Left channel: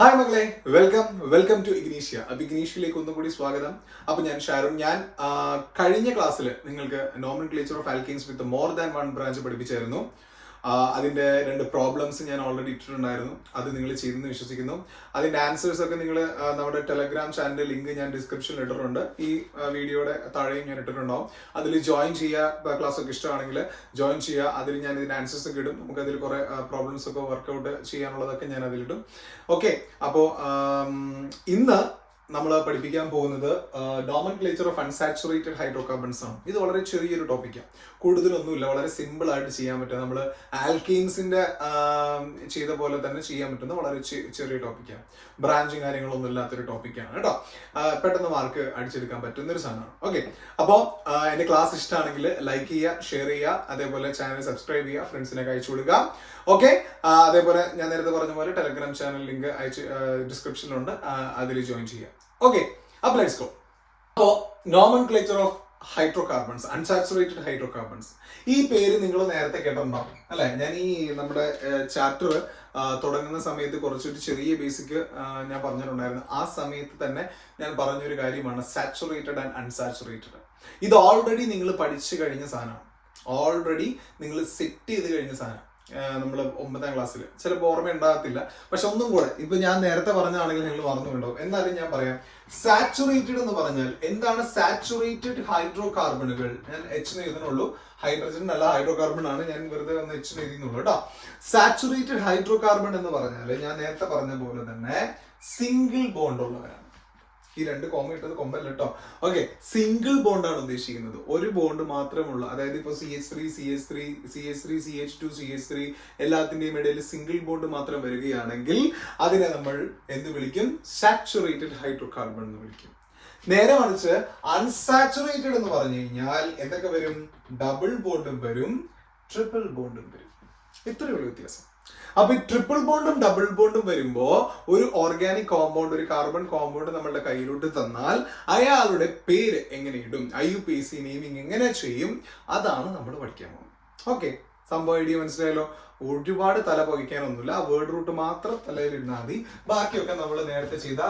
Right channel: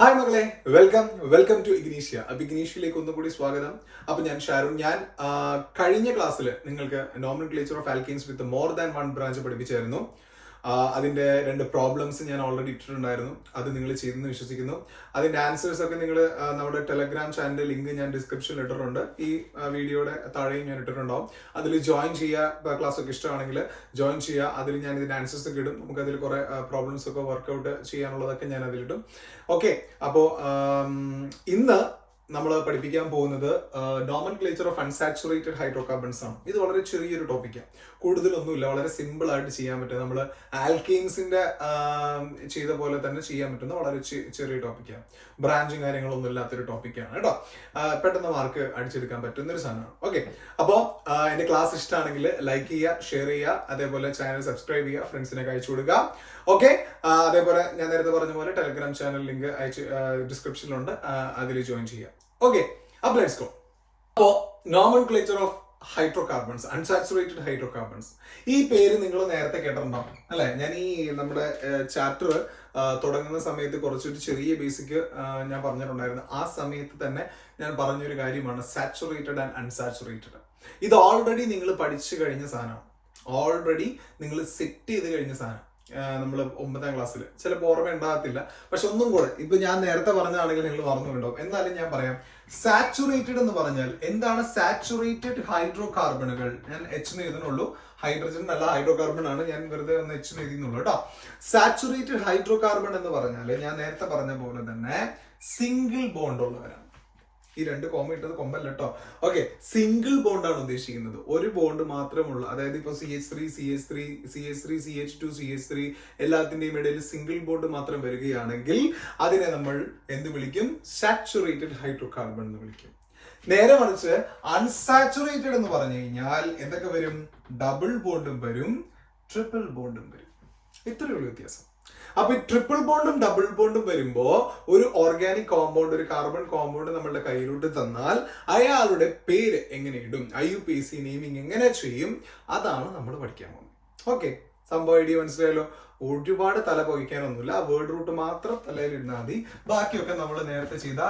Hi മകളെ, welcome to ഇഗ്നീഷ്യ. അപ്പൊ ഇഗ്നീഷ്യയിലേക്ക് ഒന്നുകൂടി സ്വാഗതം. അപ്പൊ ഞാൻ ഷാരുൺ. ഞാൻ കഴിഞ്ഞ ക്ലാസ്സിൽ നിങ്ങൾക്ക് nomenclature of alkenes with more than one branch പഠിപ്പിച്ചായിരുന്നു. അതിന്റെ 2 പ്രോബ്ലംസ് ഞാൻ ഓൾറെഡി ഇട്ടിട്ടുണ്ടായിരുന്നു. അത് നിങ്ങൾ ചെയ്തെന്ന് വിശ്വസിക്കുന്നു. അതിന്റെ ആൻസേഴ്സ് ഒക്കെ നിങ്ങൾ നമ്മുടെ ടെലഗ്രാം ചാനലിന്റെ ലിങ്ക് ഞാൻ ഡിസ്ക്രിപ്ഷനിൽ ഇട്ടിട്ടുണ്ട്. ഈ വീഡിയോയുടെ താഴെയും ഞാൻ ഇട്ടിട്ടുണ്ടാവും. അതിൽ ജോയിൻ ചെയ്യുക. ക്ലാസ് ഒക്കെ ഇഷ്ടമാണെങ്കിൽ ജോയിൻ ചെയ്യുക. അതിൽ ഞാൻ ഇതിന്റെ ആൻസേഴ്സ് ഒക്കെ ഇടും. നമുക്ക് അതിൽ കുറെ പ്രോബ്ലംസ് ഒക്കെ വർക്ക്ഔട്ട് ചെയ്യാനുള്ളതൊക്കെ ഞാൻ അതിലിടും. ഓക്കെ, അപ്പോ ഇന്ന് നമ്മൾ പഠിപ്പിക്കാൻ പോകുന്നത് നോമൻക്ലേച്ചർ ഓഫ് അൺസാച്ചുറേറ്റഡ് ഹൈഡ്രോകാർബൺസ് ആണ്. ഇത് വളരെ ചെറിയൊരു ടോപ്പിക്കാണ്, കൂടുതലൊന്നുമില്ല, വളരെ സിമ്പിൾ ആയിട്ട് ചെയ്യാൻ പറ്റും. നമ്മൾ ആൽക്കെയിൻസിന്റെ ചെയ്ത പോലെ തന്നെ ചെയ്യാൻ പറ്റുന്ന വളരെ ചെറിയ ടോപ്പിക്കാണ്. ബ്രാഞ്ചും കാര്യങ്ങളൊന്നും ഇല്ലാത്തൊരു ടോപ്പിക്കാണ് കേട്ടോ. പെട്ടെന്ന് മാർക്ക് അടിച്ചെടുക്കാൻ പറ്റുന്ന ഒരു സാധനമാണ്. ഓക്കെ, അപ്പോൾ എന്റെ ക്ലാസ് ഇഷ്ടമാണെങ്കിൽ ലൈക്ക് ചെയ്യുക, ഷെയർ ചെയ്യുക, അതേപോലെ ചാനൽ സബ്സ്ക്രൈബ് ചെയ്യുക, ഫ്രണ്ട്സിനൊക്കെ അയച്ചു കൊടുക്കുക. ഓക്കെ, അതേപോലെ ഞാൻ നേരത്തെ പറഞ്ഞ പോലെ ടെലഗ്രാം ചാനൽ ലിങ്ക് ഡിസ്ക്രിപ്ഷനിലുണ്ട്, അതിൽ ജോയിൻ ചെയ്യാം. ഓക്കെ, അപ്പൊ ലെറ്റ്സ് ഗോ. അപ്പോ nomenclature of hydrocarbons, unsaturated hydrocarbons, ഈ പേര് നിങ്ങൾ നേരത്തെ കേട്ടിട്ടുണ്ടാവും അല്ലെ? ഞാൻ ഈ നമ്മുടെ ചാപ്റ്റർ തുടങ്ങുന്ന സമയത്ത് കുറച്ചൊരു ചെറിയ ബേസിക് ഞാൻ പറഞ്ഞിട്ടുണ്ടായിരുന്നു. ആ സമയത്ത് തന്നെ ഞാൻ പറഞ്ഞൊരു കാര്യമാണ് സാച്ചുറേറ്റഡ് ആൻഡ് അൺസാച്ചുറേറ്റഡ്. ഇത് ഓൾറെഡി നിങ്ങൾ പഠിച്ചു കഴിഞ്ഞ സാധനമാണ്, ഓൾറെഡി നിങ്ങൾ സെറ്റ് ചെയ്ത് കഴിഞ്ഞ സാധനം. നമ്മൾ 9ാം ക്ലാസ്സിൽ ചിലപ്പോൾ ഓർമ്മ ഉണ്ടാകത്തില്ല, പക്ഷെ ഒന്നും കൂടെ ഇപ്പൊ ഞാൻ നേരത്തെ പറഞ്ഞാണെങ്കിൽ നിങ്ങൾ മറന്നുണ്ടാവും. എന്നാലും ഞാൻ പറയാം. സാച്ചുറേറ്റഡ് എന്ന് പറഞ്ഞാൽ എന്താണ്? സാച്ചുറേറ്റഡ് ഹൈഡ്രോകാർബണുകൾ, ഞാൻ എച്ച് എഴുതുന്നുള്ളൂ, ഹൈഡ്രജൻ അല്ല ഹൈഡ്രോകാർബൺ ആണ്, ഞാൻ വെറുതെ ഒന്ന് എച്ച് എഴുതുന്നുള്ളൂ കേട്ടോ. സാച്ചുറേറ്റഡ് ഹൈഡ്രോകാർബൺ എന്ന് പറഞ്ഞാൽ ഞാൻ നേരത്തെ പറഞ്ഞ പോലെ തന്നെ സിംഗിൾ ബോണ്ട് ഉള്ളവരാണ്. ഈ 2 കോമ ഇട്ടത് കൊമ്പല്ല കേട്ടോ. ഓക്കെ, സിംഗിൾ ബോണ്ടാണ് ഉദ്ദേശിക്കുന്നത്, ഒരു ബോണ്ട് മാത്രമുള്ള. അതായത് ഇപ്പൊ CH3 CH3 CH3 CH2 CH3 എല്ലാത്തിന്റെയും ഇടയിൽ സിംഗിൾ ബോണ്ട് മാത്രം വരികയാണെങ്കിൽ അതിനെ നമ്മൾ എന്ത് വിളിക്കും? സാച്ചുറേറ്റഡ് ഹൈഡ്രോകാർബൺ എന്ന് വിളിക്കും. നേരെ മറിച്ച് അൺസാച്ചുറേറ്റഡ് എന്ന് പറഞ്ഞു കഴിഞ്ഞാൽ എന്തൊക്കെ വരും? ഡബിൾ ബോണ്ടും വരും, ട്രിപ്പിൾ ബോണ്ടും വരും. ഇത്രയേ ഉള്ളൂ വ്യത്യാസം. അപ്പൊ ഈ ട്രിപ്പിൾ ബോണ്ടും ഡബിൾ ബോണ്ടും വരുമ്പോ ഒരു ഓർഗാനിക് കോമ്പൗണ്ട്, ഒരു കാർബൺ കോമ്പൗണ്ട് നമ്മളുടെ കയ്യിലോട്ട് തന്നാൽ അയാളുടെ പേര് എങ്ങനെ ഇടും, IUPAC നെയിമിങ് എങ്ങനെ ചെയ്യും, അതാണ് നമ്മൾ പഠിക്കാൻ പോകുന്നത്. ഓക്കെ, സംഭവം ഐഡിയ മനസ്സിലായല്ലോ. ഒരുപാട് തല പകിക്കാനൊന്നുമില്ല, ആ വേർഡ് റൂട്ട് മാത്രം തലയിൽ ഇടുന്നാൽ മതി. ബാക്കിയൊക്കെ നമ്മൾ നേരത്തെ ചെയ്ത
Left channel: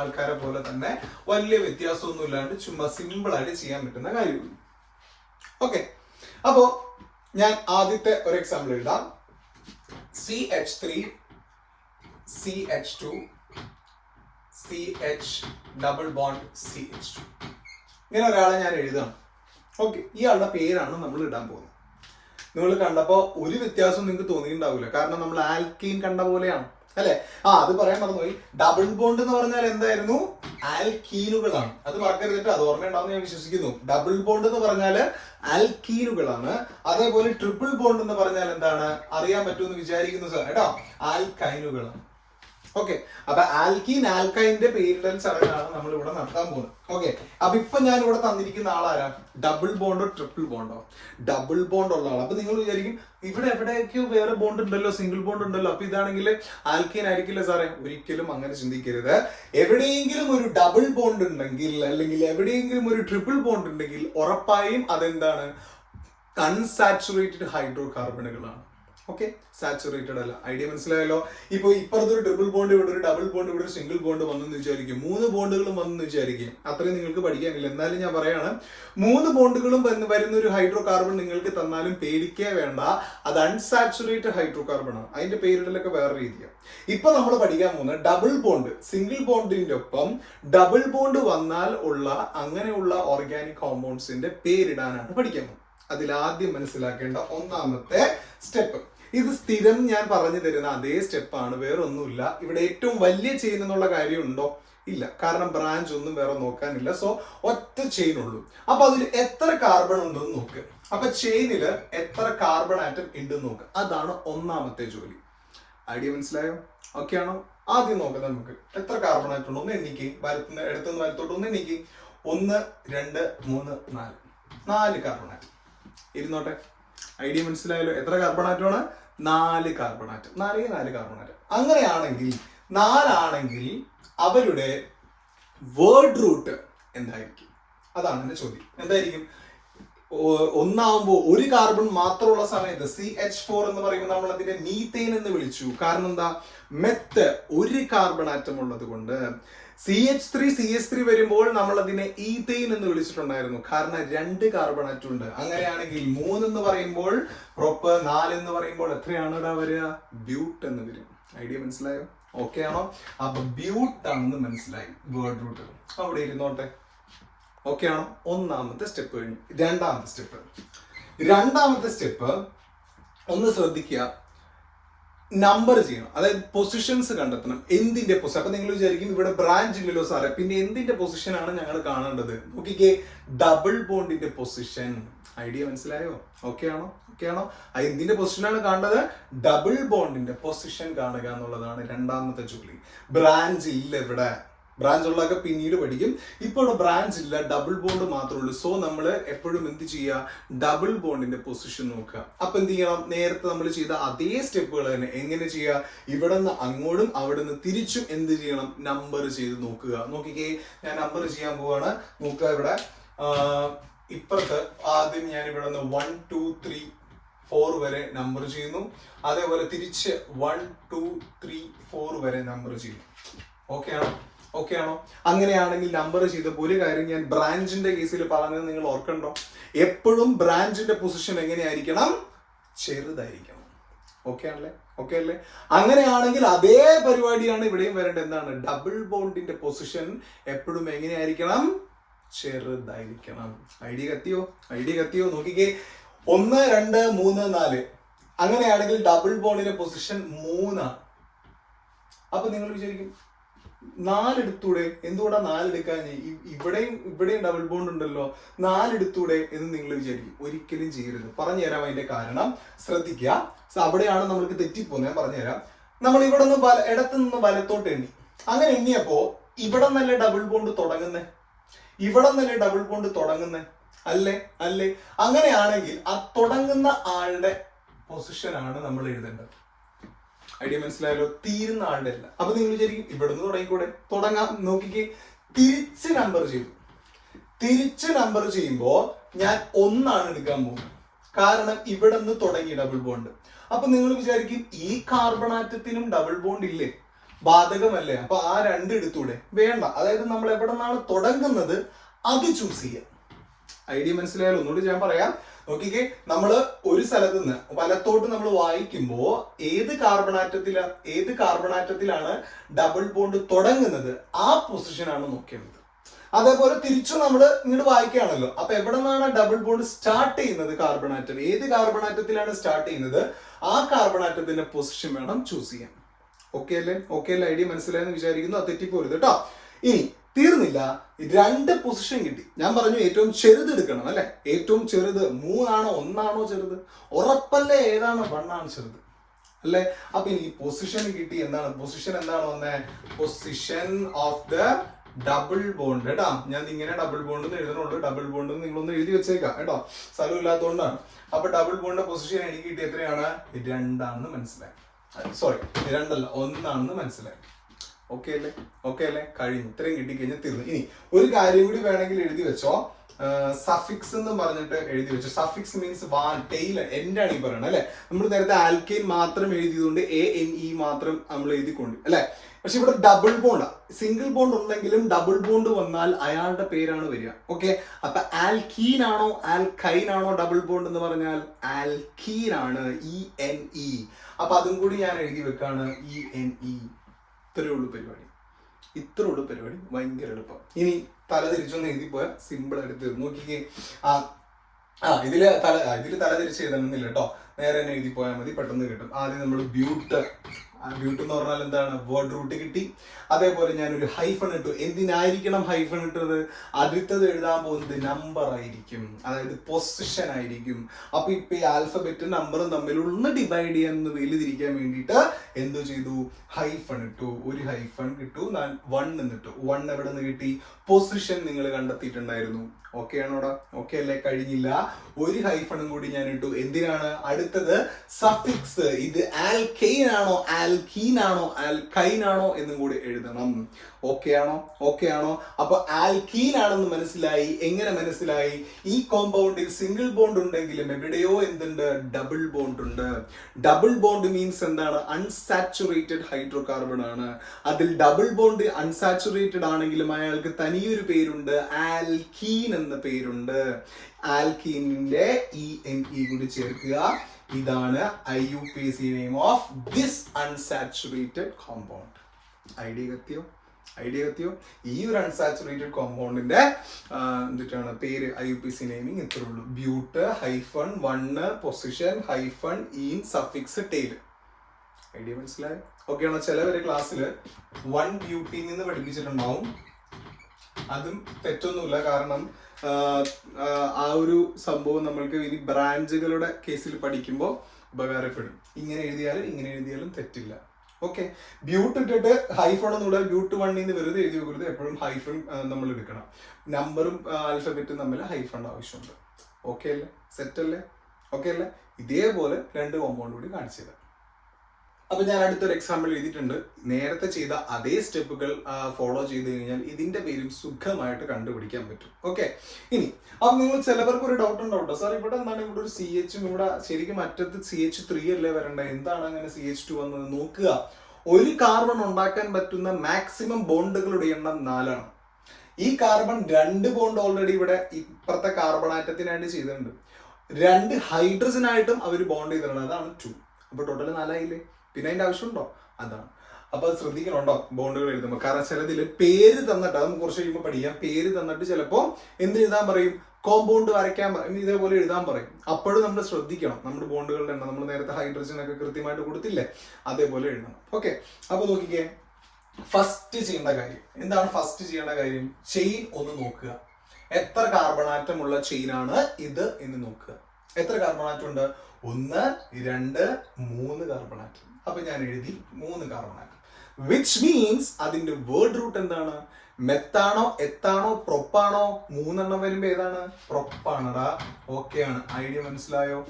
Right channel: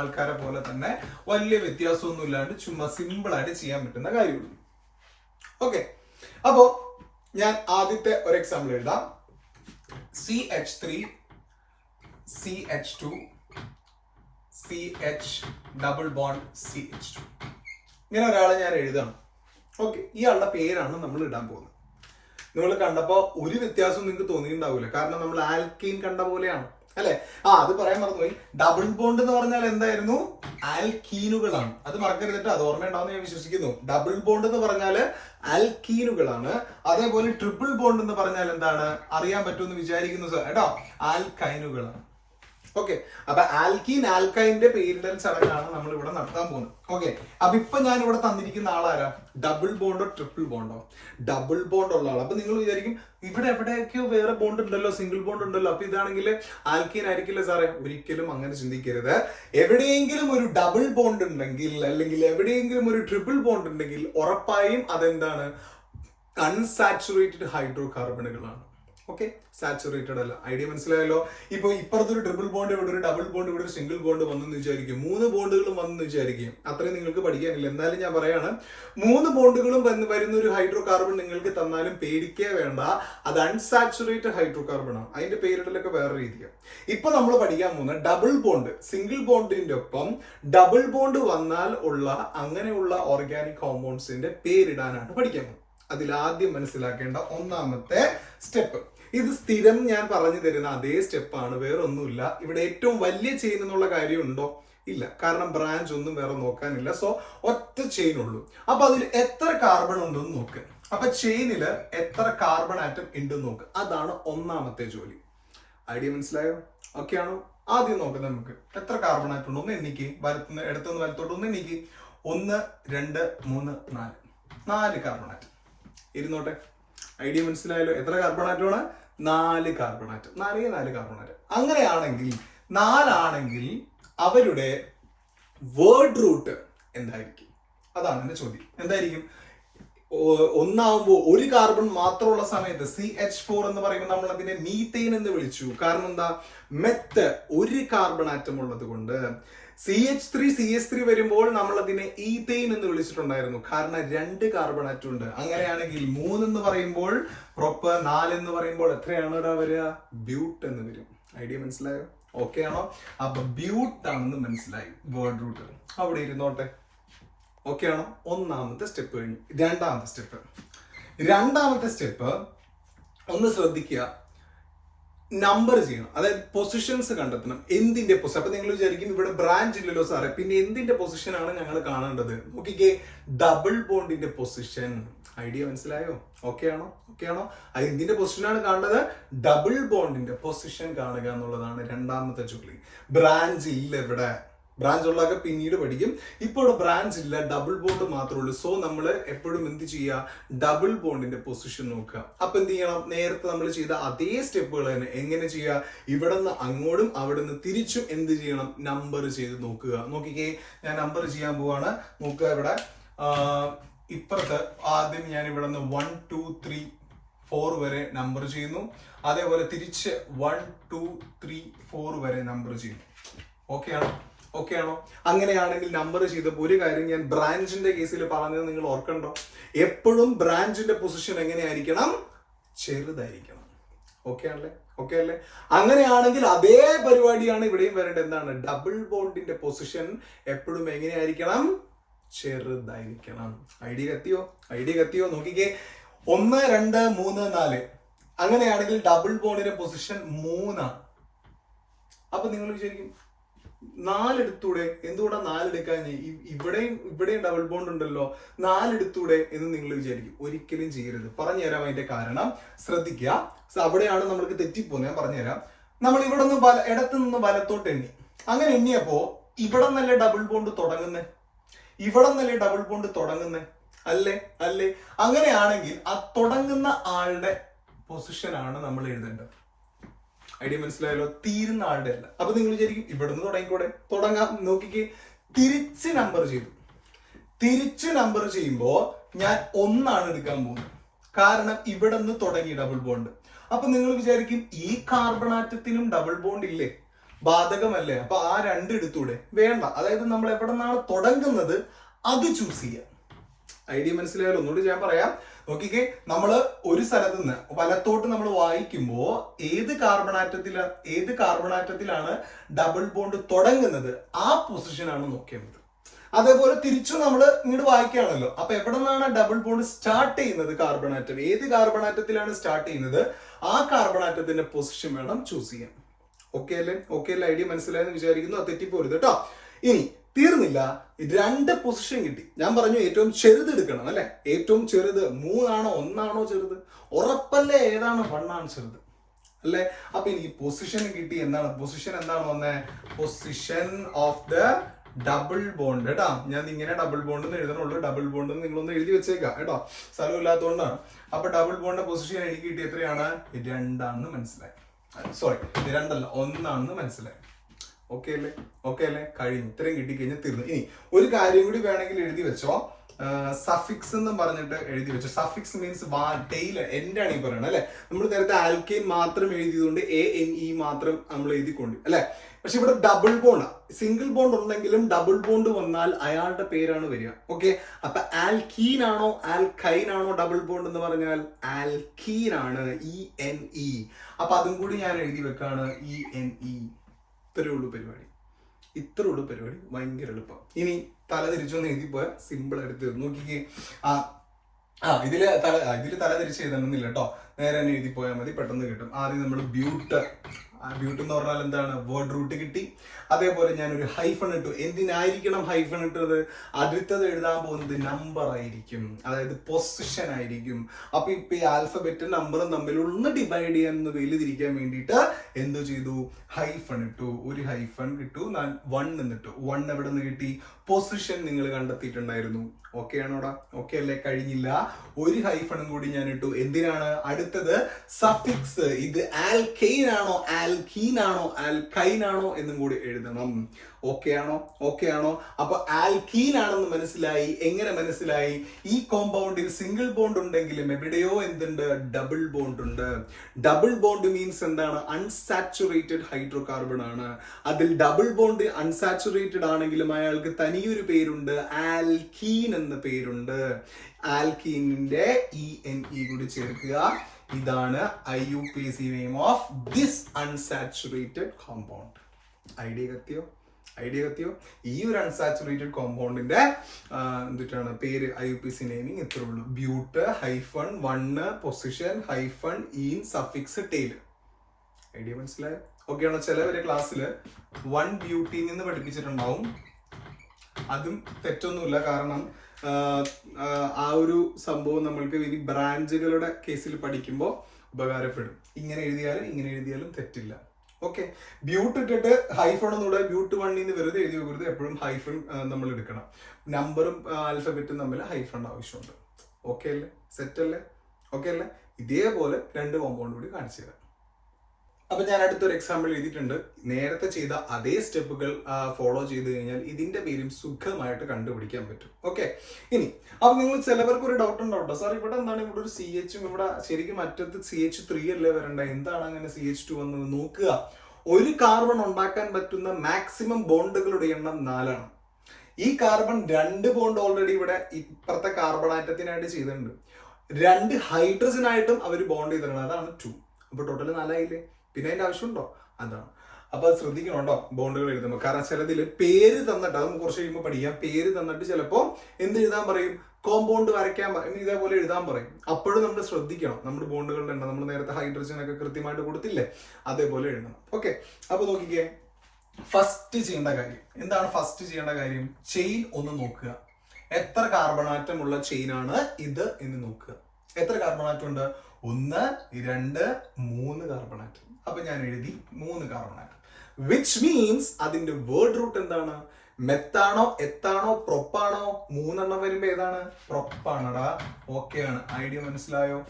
ആൾക്കാരെ പോലെ തന്നെ വലിയ വ്യത്യാസമൊന്നും ഇല്ലാണ്ട് ചുമ്മാ സിമ്പിൾ ആയിട്ട് ചെയ്യാൻ പറ്റുന്ന കാര്യമുള്ളൂ. ഓക്കെ, അപ്പോ ഞാൻ ആദ്യത്തെ ഒരു എക്സാമ്പിൾ എഴുതാം. CH3 CH2 CH double bond CH2, ഇങ്ങനെ ഒരാളെ ഞാൻ എഴുതാം. ഓക്കെ, ഇയാളുടെ പേരാണ് നമ്മൾ ഇടാൻ പോകുന്നത്. നിങ്ങൾ കണ്ടപ്പോ ഒരു വ്യത്യാസവും നിങ്ങൾക്ക് തോന്നിയിട്ടുണ്ടാവില്ല, കാരണം നമ്മൾ ആൽക്കീൻ കണ്ട പോലെയാണ് അല്ലെ? അത് പറയാൻ മറന്നുപോയി. ഡബിൾ ബോണ്ട് എന്ന് പറഞ്ഞാൽ എന്തായിരുന്നു? ആൽക്കീനുകളാണ്. അത് മറക്കരുതിട്ട്, അത് ഓർമ്മ ഉണ്ടാവുന്ന ഞാൻ വിശ്വസിക്കുന്നു. ഡബിൾ ബോണ്ട് എന്ന് പറഞ്ഞാല് ആൽക്കീനുകളാണ്. അതേപോലെ ട്രിപ്പിൾ ബോണ്ട് എന്ന് പറഞ്ഞാൽ എന്താണ് അറിയാൻ പറ്റുമെന്ന് വിചാരിക്കുന്നു സാർ കേട്ടോ, ആൽക്കൈനുകളാണ്. ഓക്കെ, അപ്പൊ ആൽക്കീൻ ആൽക്കൈന്റെ പേരിടൽ ചടങ്ങാണ് നമ്മൾ ഇവിടെ നടത്താൻ പോകുന്നത്. ഓക്കെ, അപ്പൊ ഇപ്പൊ ഞാൻ ഇവിടെ തന്നിരിക്കുന്ന ആളാരാ? ഡബിൾ ബോണ്ടോ ട്രിപ്പിൾ ബോണ്ടോ? ഡബിൾ ബോണ്ട് ഉള്ള ആൾ. അപ്പൊ നിങ്ങൾ വിചാരിക്കും ഇവിടെ എവിടെയൊക്കെയോ വേറെ ബോണ്ട് ഉണ്ടല്ലോ, സിംഗിൾ ബോണ്ട് ഉണ്ടല്ലോ, അപ്പൊ ഇതാണെങ്കിൽ ആൽക്കീൻ ആയിരിക്കില്ല സാറേ. ഒരിക്കലും അങ്ങനെ ചിന്തിക്കരുത്. എവിടെയെങ്കിലും ഒരു ഡബിൾ ബോണ്ട് ഉണ്ടെങ്കിൽ, അല്ലെങ്കിൽ എവിടെയെങ്കിലും ഒരു ട്രിപ്പിൾ ബോണ്ട് ഉണ്ടെങ്കിൽ ഉറപ്പായും അതെന്താണ്? അൺസാച്ചുറേറ്റഡ് ഹൈഡ്രോകാർബണുകളാണ്. ഓക്കെ, സാച്ചുറേറ്റഡ് അല്ല. ഐഡിയ മനസ്സിലായല്ലോ. ഇപ്പൊ ഇപ്പുറത്തൊരു ട്രിപ്പിൾ ബോണ്ട്, ഇവിടെ ഒരു ഡബിൾ ബോണ്ട്, ഇവിടെ ഒരു സിംഗിൾ ബോണ്ട് വന്നെന്ന് വിചാരിക്കും, 3 ബോണ്ടുകളും വന്നെന്ന് വിചാരിക്കും. അത്രയും നിങ്ങൾക്ക് പഠിക്കാനില്ല. എന്നാലും ഞാൻ പറയാണ്, 3 ബോണ്ടുകളും വരുന്ന ഒരു ഹൈഡ്രോ കാർബൺ നിങ്ങൾക്ക് തന്നാലും പേടിക്കേ വേണ്ട, അത് അൺസാച്ചുറേറ്റഡ് ഹൈഡ്രോ കാർബൺ ആണ്. അതിന്റെ പേരിടലൊക്കെ വേറെ രീതിയാണ്. ഇപ്പൊ നമ്മൾ പഠിക്കാൻ പോകുന്ന ഡബിൾ ബോണ്ട്, സിംഗിൾ ബോണ്ടിന്റെ ഒപ്പം ഡബിൾ ബോണ്ട് വന്നാൽ ഉള്ള അങ്ങനെയുള്ള ഓർഗാനിക് കോമ്പൗണ്ട്സിന്റെ പേരിടാനാണ് പഠിക്കാൻ പോകുന്നത്. അതിൽ ആദ്യം മനസ്സിലാക്കേണ്ട ഒന്നാമത്തെ സ്റ്റെപ്പ്, ഇത് സ്ഥിരം ഞാൻ പറഞ്ഞു തരുന്ന അതേ സ്റ്റെപ്പാണ്, വേറെ ഒന്നുമില്ല. ഇവിടെ ഏറ്റവും വലിയ ചെയിൻ എന്നുള്ള കാര്യം ഉണ്ടോ? ഇല്ല, കാരണം ബ്രാഞ്ച് ഒന്നും വേറെ നോക്കാനില്ല. സോ ഒറ്റ ചെയിൻ ഉള്ളൂ. അപ്പൊ അതിൽ എത്ര കാർബൺ ഉണ്ടെന്ന് നോക്ക്. അപ്പൊ ചെയിനില് എത്ര കാർബൺ ആറ്റം ഉണ്ടെന്ന് നോക്ക്. അതാണ് ഒന്നാമത്തെ ജോലി. ഐഡിയ മനസ്സിലായോ? ഓക്കെ ആണോ? ആദ്യം നോക്കുന്നത് നമുക്ക് എത്ര കാർബൺ ആറ്റം ഉണ്ടോ ഒന്ന് എണ്ണിക്ക്. എടുത്തുനിന്ന് വലത്തോട്ട് ഒന്ന് എണ്ണിക്ക്. 1 2 3 4 4 കാർബൺ ആറ്റം ഇരുന്നോട്ടെ. ഐഡിയ മനസ്സിലായല്ലോ? എത്ര കാർബൺ ആറ്റമാണ്? 4 കാർബൺ ആറ്റം. 4 carbon atom. അങ്ങനെയാണെങ്കിൽ 4 ആണെങ്കിൽ അവരുടെ വേർഡ് റൂട്ട് എന്തായിരിക്കും? അതാണ് എന്റെ ചോദ്യം. എന്തായിരിക്കും? ഒന്നാവുമ്പോൾ ഒരു കാർബൺ മാത്രമുള്ള സമയത്ത് CH4 എന്ന് പറയുമ്പോൾ നമ്മൾ അതിനെ മീത്തേൻ എന്ന് വിളിച്ചു. കാരണം എന്താ? മെത്ത് ഒരു കാർബൺ ആറ്റം ഉള്ളത് കൊണ്ട്. CH3 വരുമ്പോൾ നമ്മൾ അതിനെ ഈതെയിൻ എന്ന് വിളിച്ചിട്ടുണ്ടായിരുന്നു. കാരണം 2 കാർബൺ ആറ്റം ഉണ്ട്. അങ്ങനെയാണെങ്കിൽ 3 എന്ന് പറയുമ്പോൾ പ്രൊപ്പ്, 4 എന്ന് പറയുമ്പോൾ എത്രയാണ് ഇവിടെ വരിക? ബ്യൂട്ട് എന്ന് വരും. ഐഡിയ മനസ്സിലായോ? ഓക്കെ ആണോ? അപ്പൊ ബ്യൂട്ട് ആണെന്ന് മനസ്സിലായി. വേർഡ് റൂട്ട് അവിടെ ഇരുന്നോട്ടെ. ഓക്കെ ആണോ? ഒന്നാമത്തെ സ്റ്റെപ്പ് കഴിഞ്ഞു. രണ്ടാമത്തെ സ്റ്റെപ്പ് ഒന്ന് ശ്രദ്ധിക്കുക. നമ്പർ ചെയ്യണം. അതായത് പൊസിഷൻസ് കണ്ടെത്തണം. എന്തിന്റെ പൊസിഷൻ? അപ്പൊ നിങ്ങൾ വിചാരിക്കും ഇവിടെ ബ്രാഞ്ച് ഇല്ലല്ലോ സാറേ, പിന്നെ എന്തിന്റെ പൊസിഷൻ ആണ് ഞങ്ങൾ കാണേണ്ടത്? നോക്കിക്കേ, ഡബിൾ ബോണ്ടിന്റെ പൊസിഷൻ. ഐഡിയ മനസ്സിലായോ? ഓക്കെ ആണോ? അത് എന്തിന്റെ പൊസിഷനാണ് കാണേണ്ടത്? ഡബിൾ ബോണ്ടിന്റെ പൊസിഷൻ കാണുക എന്നുള്ളതാണ് രണ്ടാമത്തെ ജോലി. ബ്രാഞ്ച് ഇല്ല ഇവിടെ. ബ്രാഞ്ച് ഉള്ളതൊക്കെ പിന്നീട് പഠിക്കും. ഇപ്പോൾ ബ്രാഞ്ച് ഇല്ല, ഡബിൾ ബോണ്ട് മാത്രമേ ഉള്ളൂ. സോ നമ്മൾ എപ്പോഴും എന്ത് ചെയ്യുക? ഡബിൾ ബോണ്ടിന്റെ പൊസിഷൻ നോക്കുക. അപ്പൊ എന്ത് ചെയ്യണം? നേരത്തെ നമ്മൾ ചെയ്ത അതേ സ്റ്റെപ്പുകൾ തന്നെ എങ്ങനെ ചെയ്യുക? ഇവിടെ നിന്ന് അങ്ങോട്ടും അവിടെ നിന്ന് തിരിച്ചും എന്ത് ചെയ്യണം? നമ്പർ ചെയ്ത് നോക്കുക. നോക്കിക്കേ, ഞാൻ നമ്പർ ചെയ്യാൻ പോവാണ്. നോക്കുക, ഇവിടെ ഇപ്പുറത്ത് ആദ്യം ഞാൻ ഇവിടെ നിന്ന് 1 2 3 4 വരെ നമ്പർ ചെയ്യുന്നു. അതേപോലെ തിരിച്ച് 1 2 3 4 വരെ നമ്പർ ചെയ്യുന്നു. ഓക്കെ ആണോ? അങ്ങനെയാണെങ്കിൽ നമ്പർ ചെയ്തപ്പോൾ ഒരു കാര്യം ഞാൻ ബ്രാഞ്ചിന്റെ കേസിൽ പറഞ്ഞത് നിങ്ങൾ ഓർക്കണ്ടോ? എപ്പോഴും ബ്രാഞ്ചിന്റെ പൊസിഷൻ എങ്ങനെയായിരിക്കണം? ചെറുതായിരിക്കണം. ഓക്കെ അല്ലേ? അങ്ങനെയാണെങ്കിൽ അതേ പരിപാടിയാണ് ഇവിടെയും വരേണ്ടത്. എന്താണ്? ഡബിൾ ബോണ്ടിന്റെ പൊസിഷൻ എപ്പോഴും എങ്ങനെയായിരിക്കണം? ചെറുതായിരിക്കണം. ഐഡിയ കത്തിയോ? നോക്കിക്കേ, 1 2 3 4. അങ്ങനെയാണെങ്കിൽ ഡബിൾ ബോണ്ടിന്റെ പൊസിഷൻ 3 ആണ്. അപ്പൊ നിങ്ങൾ വിചാരിക്കും 4 എടുത്തൂടെ? എന്തുകൊണ്ടാ 4 എടുക്കാൻ? ഇവിടെയും ഡബിൾ ബോണ്ട് ഉണ്ടല്ലോ, 4 എടുത്തൂടെ എന്ന് നിങ്ങൾ വിചാരിക്കും. ഒരിക്കലും ചെയ്യരുത്. പറഞ്ഞുതരാം അതിന്റെ കാരണം. ശ്രദ്ധിക്കുക. അവിടെയാണ് നമ്മൾക്ക് തെറ്റിപ്പോകുന്നത്. ഞാൻ പറഞ്ഞുതരാം. നമ്മൾ ഇവിടെ നിന്ന് ഇടത്ത് നിന്ന് വലത്തോട്ട് എണ്ണി. അങ്ങനെ എണ്ണിയപ്പോ ഇവിടെ നിന്നല്ലേ ഡബിൾ ബോണ്ട് തുടങ്ങുന്നേ? അല്ലേ? അങ്ങനെയാണെങ്കിൽ ആ തുടങ്ങുന്ന ആളുടെ പൊസിഷനാണ് നമ്മൾ എഴുതേണ്ടത്. ഐഡിയ മനസ്സിലായല്ലോ? തീരുന്ന ആളുടെ അല്ല. അപ്പൊ നിങ്ങൾ വിചാരിക്കും ഇവിടെ നിന്ന് തുടങ്ങാം. നോക്കിക്കേ, തിരിച്ച് നമ്പർ ചെയ്യുമ്പോ ഞാൻ 1 ആണ് എടുക്കാൻ പോകുന്നത്. കാരണം ഇവിടെ നിന്ന് തുടങ്ങി ഡബിൾ ബോണ്ട്. അപ്പൊ നിങ്ങൾ വിചാരിക്കും ഈ കാർബൺ ആറ്റത്തിനും ഡബിൾ ബോണ്ട് ഇല്ലേ? ബാധകമല്ലേ? അപ്പൊ ആ 2 എടുത്തൂടെ? വേണ്ട. അതായത് നമ്മൾ എവിടെ നിന്നാണ് തുടങ്ങുന്നത് അത് ചൂസ് ചെയ്യാം. ഐഡിയ മനസ്സിലായാലും ഒന്നുകൂടി ഞാൻ പറയാം. നോക്കിക്കേ, നമ്മള് ഒരു സ്ഥലത്ത് നിന്ന് വലത്തോട്ട് നമ്മൾ വായിക്കുമ്പോ ഏത് കാർബൺ ആറ്റത്തിലാണ് ഡബിൾ ബോണ്ട് തുടങ്ങുന്നത് ആ പൊസിഷനാണ് നോക്കേണ്ടത്. അതേപോലെ തിരിച്ചു നമ്മൾ ഇങ്ങോട്ട് വായിക്കുകയാണല്ലോ. അപ്പൊ എവിടെ നിന്നാണ് ഡബിൾ ബോണ്ട് സ്റ്റാർട്ട് ചെയ്യുന്നത്? Carbon atom. ഏത് കാർബൺ ആറ്റത്തിലാണ് സ്റ്റാർട്ട് ചെയ്യുന്നത് ആ കാർബൺ ആറ്റത്തിന്റെ പൊസിഷൻ വേണം ചൂസ് ചെയ്യാൻ. ഓക്കെ അല്ലേ? ഐഡിയ മനസ്സിലായെന്ന് വിചാരിക്കുന്നു. അത് തെറ്റിപ്പോരുത് കേട്ടോ. ഇനി തീർന്നില്ല, 2 പൊസിഷൻ കിട്ടി. ഞാൻ പറഞ്ഞു ഏറ്റവും ചെറുത് എടുക്കണം അല്ലെ? ഏറ്റവും ചെറുത് 3 ആണോ 1 ആണോ ചെറുത്? ഉറപ്പല്ലേ ഏതാണ്? 1 ആണ് ചെറുത് അല്ലെ? അപ്പൊ എനിക്ക് പൊസിഷൻ കിട്ടി. എന്താണ് പൊസിഷൻ? വന്നേ? Position of the double bond കേട്ടോ. ഞാൻ ഇങ്ങനെ ഡബിൾ ബോണ്ട് എഴുതണുള്ളൂ. ഡബിൾ ബോണ്ട് നിങ്ങളൊന്ന് എഴുതി വെച്ചേക്കാം കേട്ടോ, സ്ഥലമില്ലാത്തതുകൊണ്ടാണ്. അപ്പൊ ഡബിൾ ബോണ്ട് പൊസിഷൻ എനിക്ക് കിട്ടി എത്രയാണ്? 2 ആണെന്ന് മനസ്സിലായി. സോറി, 2 അല്ല, 1 ആണെന്ന് മനസ്സിലായി. ഓക്കെ അല്ലേ? കഴിഞ്ഞു. ഇത്രയും കിട്ടിക്കഴിഞ്ഞാൽ തീർന്നു. ഇനി ഒരു കാര്യം കൂടി വേണമെങ്കിൽ എഴുതി വെച്ചോ. സഫിക്സ് എന്ന് പറഞ്ഞിട്ട് എഴുതി വെച്ചു. സഫിക്സ് മീൻസ് ടെയിൽ എൻഡ് ആണ് ഈ പറയുന്നത് അല്ലെ? നമ്മൾ നേരത്തെ ആൽക്കെയിൻ മാത്രം എഴുതിയതുകൊണ്ട് ANE മാത്രം നമ്മൾ എഴുതിക്കൊണ്ട് അല്ലെ? പക്ഷെ ഇവിടെ ഡബിൾ ബോണ്ട്, സിംഗിൾ ബോണ്ട് ഉണ്ടെങ്കിലും ഡബിൾ ബോണ്ട് വന്നാൽ അയാളുടെ പേരാണ് വരിക. ഓക്കെ, അപ്പൊ ആൽക്കീൻ ആണോ ആൽക്കൈൻ ആണോ ഡബിൾ ബോണ്ട് എന്ന് പറഞ്ഞാൽ ആൽക്കീൻ ആണ്. ENE. അപ്പൊ അതും കൂടി ഞാൻ എഴുതി വെക്കാണ്, ENE. ഇത്രേ ഉള്ളൂ പരിപാടി. ഭയങ്കര എളുപ്പം. ഇനി തല തിരിച്ചൊന്ന് എഴുതി പോയാൽ സിമ്പിൾ ആയിട്ട് തീർന്നു. നോക്കിക്കേ, ഇതില് തല തിരിച്ച് എഴുതണമെന്നില്ല കേട്ടോ. നേരെ തന്നെ എഴുതി പോയാൽ മതി, പെട്ടെന്ന് കിട്ടും. ആദ്യം നമ്മൾ ബ്യൂട്ട് എന്ന് പറഞ്ഞാൽ എന്താണ്? വേർഡ് റൂട്ട് കിട്ടി. അതേപോലെ ഞാനൊരു ഹൈഫൺ ഇട്ടു. എന്തിനായിരിക്കണം ഹൈഫൺ ഇട്ടത്? അടുത്തത് എഴുതാൻ പോകുന്നത് നമ്പർ ആയിരിക്കും, അതായത് പൊസിഷൻ ആയിരിക്കും. അപ്പൊ ഇപ്പൊ ഈ ആൽഫബറ്റും നമ്പറും തമ്മിൽ ഒന്ന് ഡിവൈഡ് ചെയ്യാൻ, ഒന്ന് വലുതിരിക്കാൻ വേണ്ടിയിട്ട് എന്തു ചെയ്തു? ഹൈഫൺ ഇട്ടു. ഒരു ഹൈഫൺ കിട്ടു. 1 എന്നിട്ടു. 1 എവിടെ നിന്ന് കിട്ടി? പൊസിഷൻ നിങ്ങൾ കണ്ടെത്തിയിട്ടുണ്ടായിരുന്നു. ഓക്കെ ആണോടാ? ഓക്കെ അല്ലേ? കഴിഞ്ഞില്ല, ഒരു ഹൈഫണും കൂടി ഞാൻ ഇട്ടു. എന്തിനാണ്? അടുത്തത് സഫിക്സ്. ഇത് ആൽക്കെയിൻ ആണോ ആൽക്കീൻ ആണോ ആൽക്കൈൻ ആണോ എന്നും കൂടി എഴുതണം. ഓക്കെ ആണോ? ഓക്കെ ആണോ? അപ്പൊ ആൽക്കീൻ ആണെന്ന് മനസ്സിലായി. എങ്ങനെ മനസ്സിലായി? ഈ കോമ്പൗണ്ടിൽ സിംഗിൾ ബോണ്ട് ഉണ്ടെങ്കിലും എവിടെയോ എന്തുണ്ട്? ഡബിൾ ബോണ്ട് ഉണ്ട്. ഡബിൾ ബോണ്ട് മീൻസ് എന്താണ്? അൺസാച്ചുറേറ്റഡ് ഹൈഡ്രോകാർബൺ ആണ്. അതിൽ ഡബിൾ ബോണ്ട് അൺസാച്ചുറേറ്റഡ് ആണെങ്കിലും അയാൾക്ക് തനിയൊരു പേരുണ്ട്, ആൽക്കീൻ എന്ന പേരുണ്ട്. ആൽക്കീനിന്റെ ENE കൂടി ചേർക്കുക. ഇതാണ് IUPAC name of this unsaturated compound. Idea കത്തിയോ? ഈ ഒരു അൺസാച്ചുറേറ്റഡ് കോമ്പൗണ്ടിന്റെ എന്തിട്ടാണ് പേര്? IUPAC നെയിമിങ് ഇത്രേ ഉള്ളൂ. But hyphen 1 position hyphen ene suffix tail. Idea മനസ്സിലായോ? ഓക്കെ ആണോ? ചിലവരെ ക്ലാസ്സിൽ 1 ബ്യൂട്ടിയിൽ നിന്ന് പഠിപ്പിച്ചിട്ടുണ്ടാവും. അതും തെറ്റൊന്നുമില്ല, കാരണം ആ ഒരു സംഭവം നമ്മൾക്ക് ഈ ബ്രാഞ്ചുകളുടെ കേസിൽ പഠിക്കുമ്പോൾ ഉപകാരപ്പെടും. ഇങ്ങനെ എഴുതിയാലും തെറ്റില്ല. ഓക്കെ, ബ്യൂട്ട് ഇട്ടിട്ട് ഹൈഫൺ എന്നുള്ള ബ്യൂട്ട് 1 നിന്ന് വെറുതെ എഴുതി വെക്കരുത്. എപ്പോഴും ഹൈഫൺ നമ്മൾ എടുക്കണം. നമ്പറും ആൽഫബറ്റും തമ്മിൽ ഹൈഫൺ ആവശ്യമുണ്ട്. ഓക്കെ അല്ലേ? സെറ്റ് അല്ലേ? ഓക്കെ അല്ലേ? ഇതേപോലെ 2 കോമ്പൗണ്ട് കൂടി കാണിച്ചു തരാം. അപ്പൊ ഞാൻ അടുത്തൊരു എക്സാമ്പിൾ എഴുതിയിട്ടുണ്ട്. നേരത്തെ ചെയ്ത അതേ സ്റ്റെപ്പുകൾ ഫോളോ ചെയ്ത് കഴിഞ്ഞാൽ ഇതിന്റെ പേരും സുഖമായിട്ട് കണ്ടുപിടിക്കാൻ പറ്റും. ഓക്കെ, ഇനി അപ്പൊ നിങ്ങൾ ചിലവർക്ക് ഒരു ഡൗട്ട് ഉണ്ടാവട്ടോ, സാർ ഇവിടെ എന്താണ് ഇവിടെ ഒരു CH ഇവിടെ ശരിക്കും മറ്റത്ത് CH3 അല്ലേ വരണ്ട, എന്താണ് അങ്ങനെ CH2 വന്നത്? നോക്കുക, ഒരു കാർബൺ ഉണ്ടാക്കാൻ പറ്റുന്ന മാക്സിമം ബോണ്ടുകളുടെ എണ്ണം 4 ആണ്. ഈ കാർബൺ 2 ബോണ്ട് ഓൾറെഡി ഇവിടെ ഇപ്പുറത്തെ കാർബൺ ആറ്റത്തിനായിട്ട് ചെയ്തിട്ടുണ്ട്. 2 ഹൈഡ്രജനായിട്ടും അവർ ബോണ്ട് ചെയ്തിട്ടുണ്ട്, അതാണ് 2. അപ്പൊ ടോട്ടൽ 4 ആയില്ലേ? പിന്നെ അതിന്റെ ആവശ്യമുണ്ടോ? അതാണ്. അപ്പൊ അത് ശ്രദ്ധിക്കണം കേട്ടോ ബോണ്ടുകൾ എഴുതുമ്പോൾ. കാരണം ചിലതിൽ പേര് തന്നിട്ട്, അത് നമുക്ക് കുറച്ച് കഴിയുമ്പോൾ പഠിക്കാം, പേര് തന്നിട്ട് ചിലപ്പോൾ എന്ത് എഴുതാൻ പറയും? കോമ്പൗണ്ട് വരയ്ക്കാൻ പറയും, ഇതേപോലെ എഴുതാൻ പറയും. അപ്പോഴും നമ്മൾ ശ്രദ്ധിക്കണം. നമ്മുടെ ബോണ്ടുകളുടെ എണ്ണം നമ്മൾ നേരത്തെ ഹൈഡ്രജൻ ഒക്കെ കൃത്യമായിട്ട് കൊടുത്തില്ലേ, അതേപോലെ എഴുതണം. ഓക്കെ, അപ്പൊ നോക്കിക്കേ, ഫസ്റ്റ് ചെയ്യേണ്ട കാര്യം എന്താണ്? ഫസ്റ്റ് ചെയ്യേണ്ട കാര്യം ചെയിൻ ഒന്ന് നോക്കുക. എത്ര കാർബണാറ്റം ഉള്ള ചെയിൻ ആണ് ഇത് എന്ന് നോക്കുക. എത്ര കാർബണാറ്റം ഉണ്ട്? 1, 2, 3 കാർബണാറ്റം. അപ്പൊ ഞാൻ എഴുതി 3 കാർബണാറ്റം. വിച്ച് മീൻസ് അതിന്റെ വേർഡ് റൂട്ട് എന്താണ്? മെത്താണോ, എത്താണോ, പ്രൊപ്പാണോ? 3 എണ്ണം വരുമ്പോ ഏതാണ്? പ്രൊപ്പാണടാ. ഓക്കെ ആണ്. ഐഡിയ മനസ്സിലായോ?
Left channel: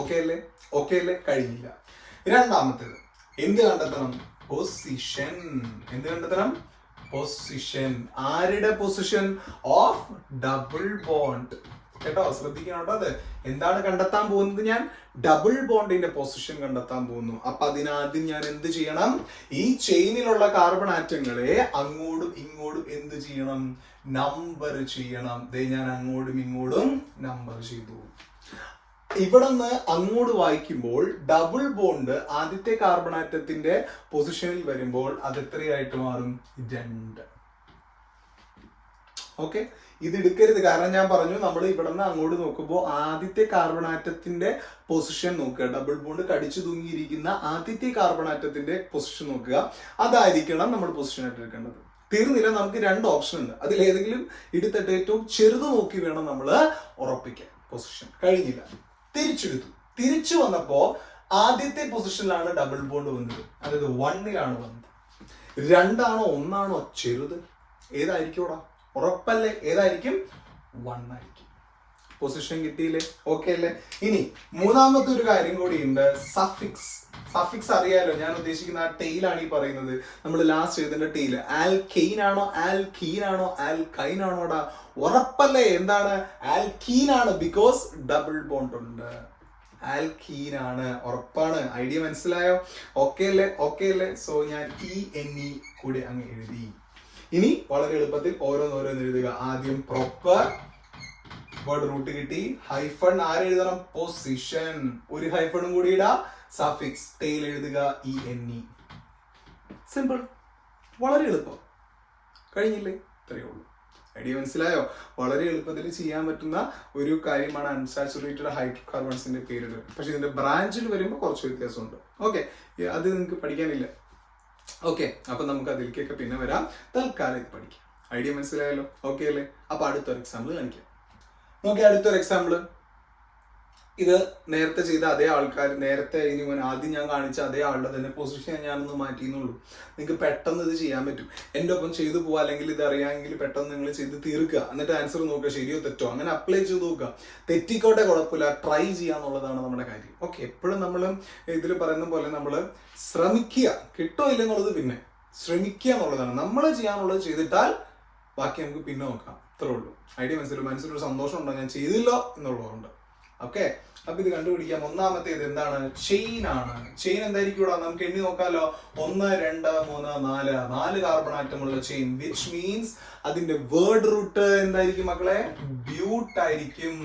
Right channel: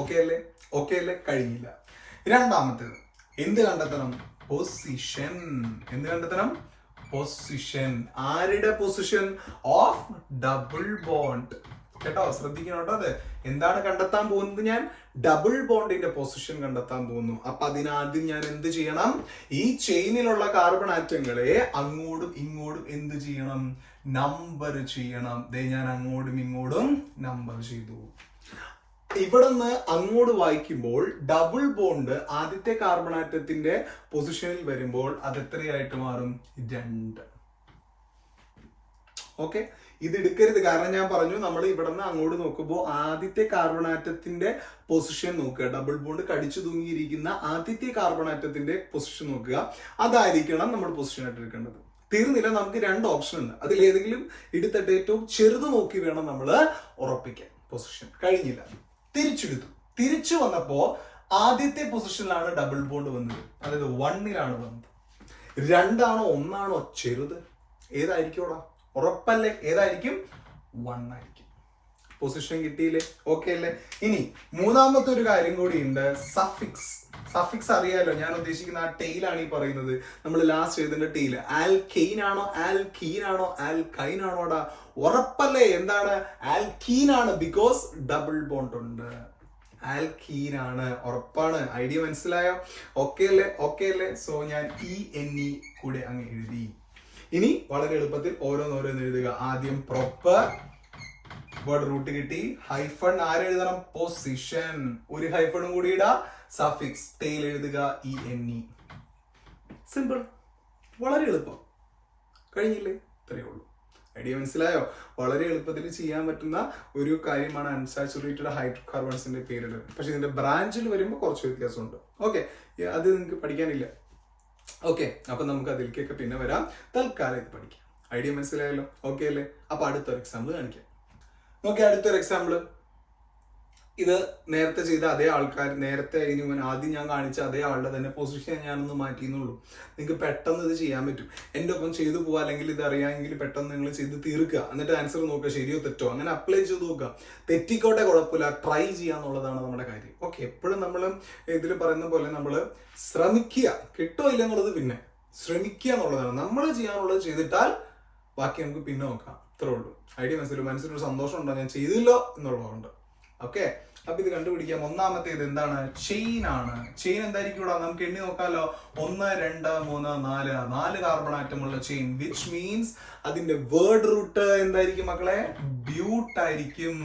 ഓക്കെ അല്ലേ? ഓക്കെ അല്ലേ? കഴിഞ്ഞില്ല. രണ്ടാമത്തേത് എന്ത് കണ്ടെത്തണം? പൊസിഷൻ. എന്ത് കണ്ടെത്തണം? പൊസിഷൻ. ആരുടെ പൊസിഷൻ? Of double bond. കേട്ടോ, ശ്രദ്ധിക്കണം കേട്ടോ. അത് എന്താണ് കണ്ടെത്താൻ പോകുന്നത്? ഞാൻ ഡബിൾ ബോണ്ടിന്റെ പൊസിഷൻ കണ്ടെത്താൻ പോകുന്നു. അപ്പൊ അതിനാദ്യം ഞാൻ എന്ത് ചെയ്യണം? ഈ ചെയിനിലുള്ള കാർബൺ ആറ്റങ്ങളെ അങ്ങോട്ടും ഇങ്ങോട്ടും എന്ത് ചെയ്യണം? നമ്പർ ചെയ്യണം. ഞാൻ അങ്ങോട്ടും ഇങ്ങോട്ടും നമ്പർ ചെയ്തു. ഇവിടെ നിന്ന് അങ്ങോട്ട് വായിക്കുമ്പോൾ ഡബിൾ ബോണ്ട് ആദ്യത്തെ കാർബൺ ആറ്റത്തിന്റെ പൊസിഷനിൽ വരുമ്പോൾ അത് എത്രയായിട്ട് മാറും? 2. ഓക്കെ, ഇത് എടുക്കരുത്, കാരണം ഞാൻ പറഞ്ഞു നമ്മൾ ഇവിടെ നിന്ന് അങ്ങോട്ട് നോക്കുമ്പോൾ ആദ്യത്തെ കാർബൺ ആറ്റത്തിന്റെ പൊസിഷൻ നോക്കുക. ഡബിൾ ബോണ്ട് കടിച്ചു തൂങ്ങിയിരിക്കുന്ന ആദ്യത്തെ കാർബൺ ആറ്റത്തിന്റെ പൊസിഷൻ നോക്കുക. അതായിരിക്കണം നമ്മൾ പൊസിഷൻ ആയിട്ട് എടുക്കേണ്ടത്. തീർന്നില്ല, നമുക്ക് 2 ഓപ്ഷൻ ഉണ്ട്. അതിൽ ഏതെങ്കിലും എടുത്തിട്ട് ഏറ്റവും ചെറുത് നോക്കി വേണം നമ്മൾ ഉറപ്പിക്കാൻ. പൊസിഷൻ കഴിഞ്ഞില്ല, തിരിച്ചെടുത്തു. തിരിച്ചു വന്നപ്പോ ആദ്യത്തെ പൊസിഷനിലാണ് ഡബിൾ ബോണ്ട് വന്നത്, അതായത് 1ലാണ് വന്നത്. 2ആണോ 1ആണോ ചെറുത്? ഏതായിരിക്കും? ഉറപ്പല്ലേ? ഏതായിരിക്കും? 1 ആയിരിക്കും. പൊസിഷൻ കിട്ടിയില്ലേ? ഓക്കെ അല്ലേ? ഇനി മൂന്നാമത്തെ ഒരു കാര്യം കൂടി ഉണ്ട്, സഫിക്സ്. സഫിക്സ് അറിയാലോ, ഞാൻ ഉദ്ദേശിക്കുന്ന ആ ടെയിലാണ് ഈ പറയുന്നത്. നമ്മൾ ലാസ്റ്റ് എഴുതേണ്ട ടെയിൽ. ആൽക്കെയിൻ ആണോ ആൽക്കീൻ ആണോ ആൽക്കൈൻ ആണോടാ? ഉറപ്പല്ലേ? എന്താണ്? ആൽക്കീൻ ആണ്, ബിക്കോസ് ഡബിൾ ബോണ്ട് ഉണ്ട്. ആൽക്കീൻ ആണ്, ഉറപ്പാണ്. ഐഡിയ മനസ്സിലായോ? ഓക്കെ അല്ലേ? ഓക്കെ അല്ലേ? സോ ഞാൻ ENE കൂടി അങ്ങ് എഴുതി. ഇനി വളരെ എളുപ്പത്തിൽ ഓരോന്നോരോന്ന് എഴുതുക. ആദ്യം പ്രൊപ്പർ, വേർഡ് റൂട്ട് കിട്ടി. ഹൈഫൺ ആരെഴുതണം? പൊസിഷൻ. ഒരു ഹൈഫണും കൂടി ഇടാ. സഫിക്സ് ടെയിൽ എഴുതുക ENE. സിമ്പിൾ, വളരെ എളുപ്പം. കഴിഞ്ഞില്ലേ? ഇത്രയേ ഉള്ളൂ. ഐഡിയ മനസ്സിലായോ? വളരെ എളുപ്പത്തിൽ ചെയ്യാൻ പറ്റുന്ന ഒരു കാര്യമാണ് അൺസാച്ചുറേറ്റഡ് ഹൈഡ്രോകാർബൺസിന്റെ പേരിടുക. പക്ഷെ ഇതിന്റെ ബ്രാഞ്ചിൽ വരുമ്പോൾ കുറച്ച് വ്യത്യാസമുണ്ട്. ഓക്കെ, അത് നിങ്ങൾക്ക് പഠിക്കാനില്ല. ഓക്കെ, അപ്പൊ നമുക്ക് അതിലേക്കൊക്കെ പിന്നെ വരാം. തൽക്കാലം ഇത് പഠിക്കാം. ഐഡിയ മനസ്സിലായല്ലോ? ഓക്കെ അല്ലേ? അപ്പൊ അടുത്തൊരു എക്സാമ്പിൾ കാണിക്കാം. നോക്കി, അടുത്തൊരു എക്സാമ്പിൾ. ഇത് നേരത്തെ ചെയ്ത അതേ ആൾക്കാർ, നേരത്തെ ആദ്യം ഞാൻ കാണിച്ച അതേ ആളുടെ തന്നെ പൊസിഷൻ ഞാനൊന്ന് മാറ്റിയെന്നുള്ളൂ. നിങ്ങൾക്ക് പെട്ടെന്ന് ഇത് ചെയ്യാൻ പറ്റും. എൻ്റെ ഒപ്പം ചെയ്തു പോവുക, അല്ലെങ്കിൽ ഇത് അറിയാമെങ്കിൽ പെട്ടെന്ന് നിങ്ങൾ ചെയ്ത് തീർക്കുക, എന്നിട്ട് ആൻസർ നോക്കുക, ശരിയോ തെറ്റോ അങ്ങനെ അപ്ലൈ ചെയ്ത് നോക്കുക. തെറ്റിക്കോട്ടെ, കുഴപ്പമില്ല, ട്രൈ ചെയ്യാന്നുള്ളതാണ് നമ്മുടെ കാര്യം. ഓക്കെ, എപ്പോഴും നമ്മൾ ഇതിൽ പറയുന്ന പോലെ നമ്മൾ ശ്രമിക്കുക, കിട്ടോ ഇല്ലെന്നുള്ളത് പിന്നെ ശ്രമിക്കുക എന്നുള്ളതാണ്. നമ്മൾ ചെയ്യാനുള്ളത് ചെയ്തിട്ടാൽ ബാക്കി നമുക്ക് പിന്നെ നോക്കാം, അത്രേ ഉള്ളൂ. ഐഡിയ മനസ്സിലൊരു സന്തോഷം ഉണ്ടോ ഞാൻ ചെയ്തില്ലോ എന്നുള്ളതുകൊണ്ട്. ഓക്കെ, അപ്പൊ ഇത് കണ്ടുപിടിക്കാം. ഒന്നാമത്തേത് എന്താണ്? ചെയിൻ ആണ്. ചെയിൻ എന്തായിരിക്കും ഇവിടെ? നമുക്ക് എണ്ണി നോക്കാലോ. 1 2 3 4 4 കാർബൺ ആറ്റമുള്ള ചെയിൻ, വിച്ച് മീൻസ് അതിന്റെ വേർഡ് റൂട്ട് എന്തായിരിക്കും മക്കളെ? ബ്യൂട്ട് ആയിരിക്കും.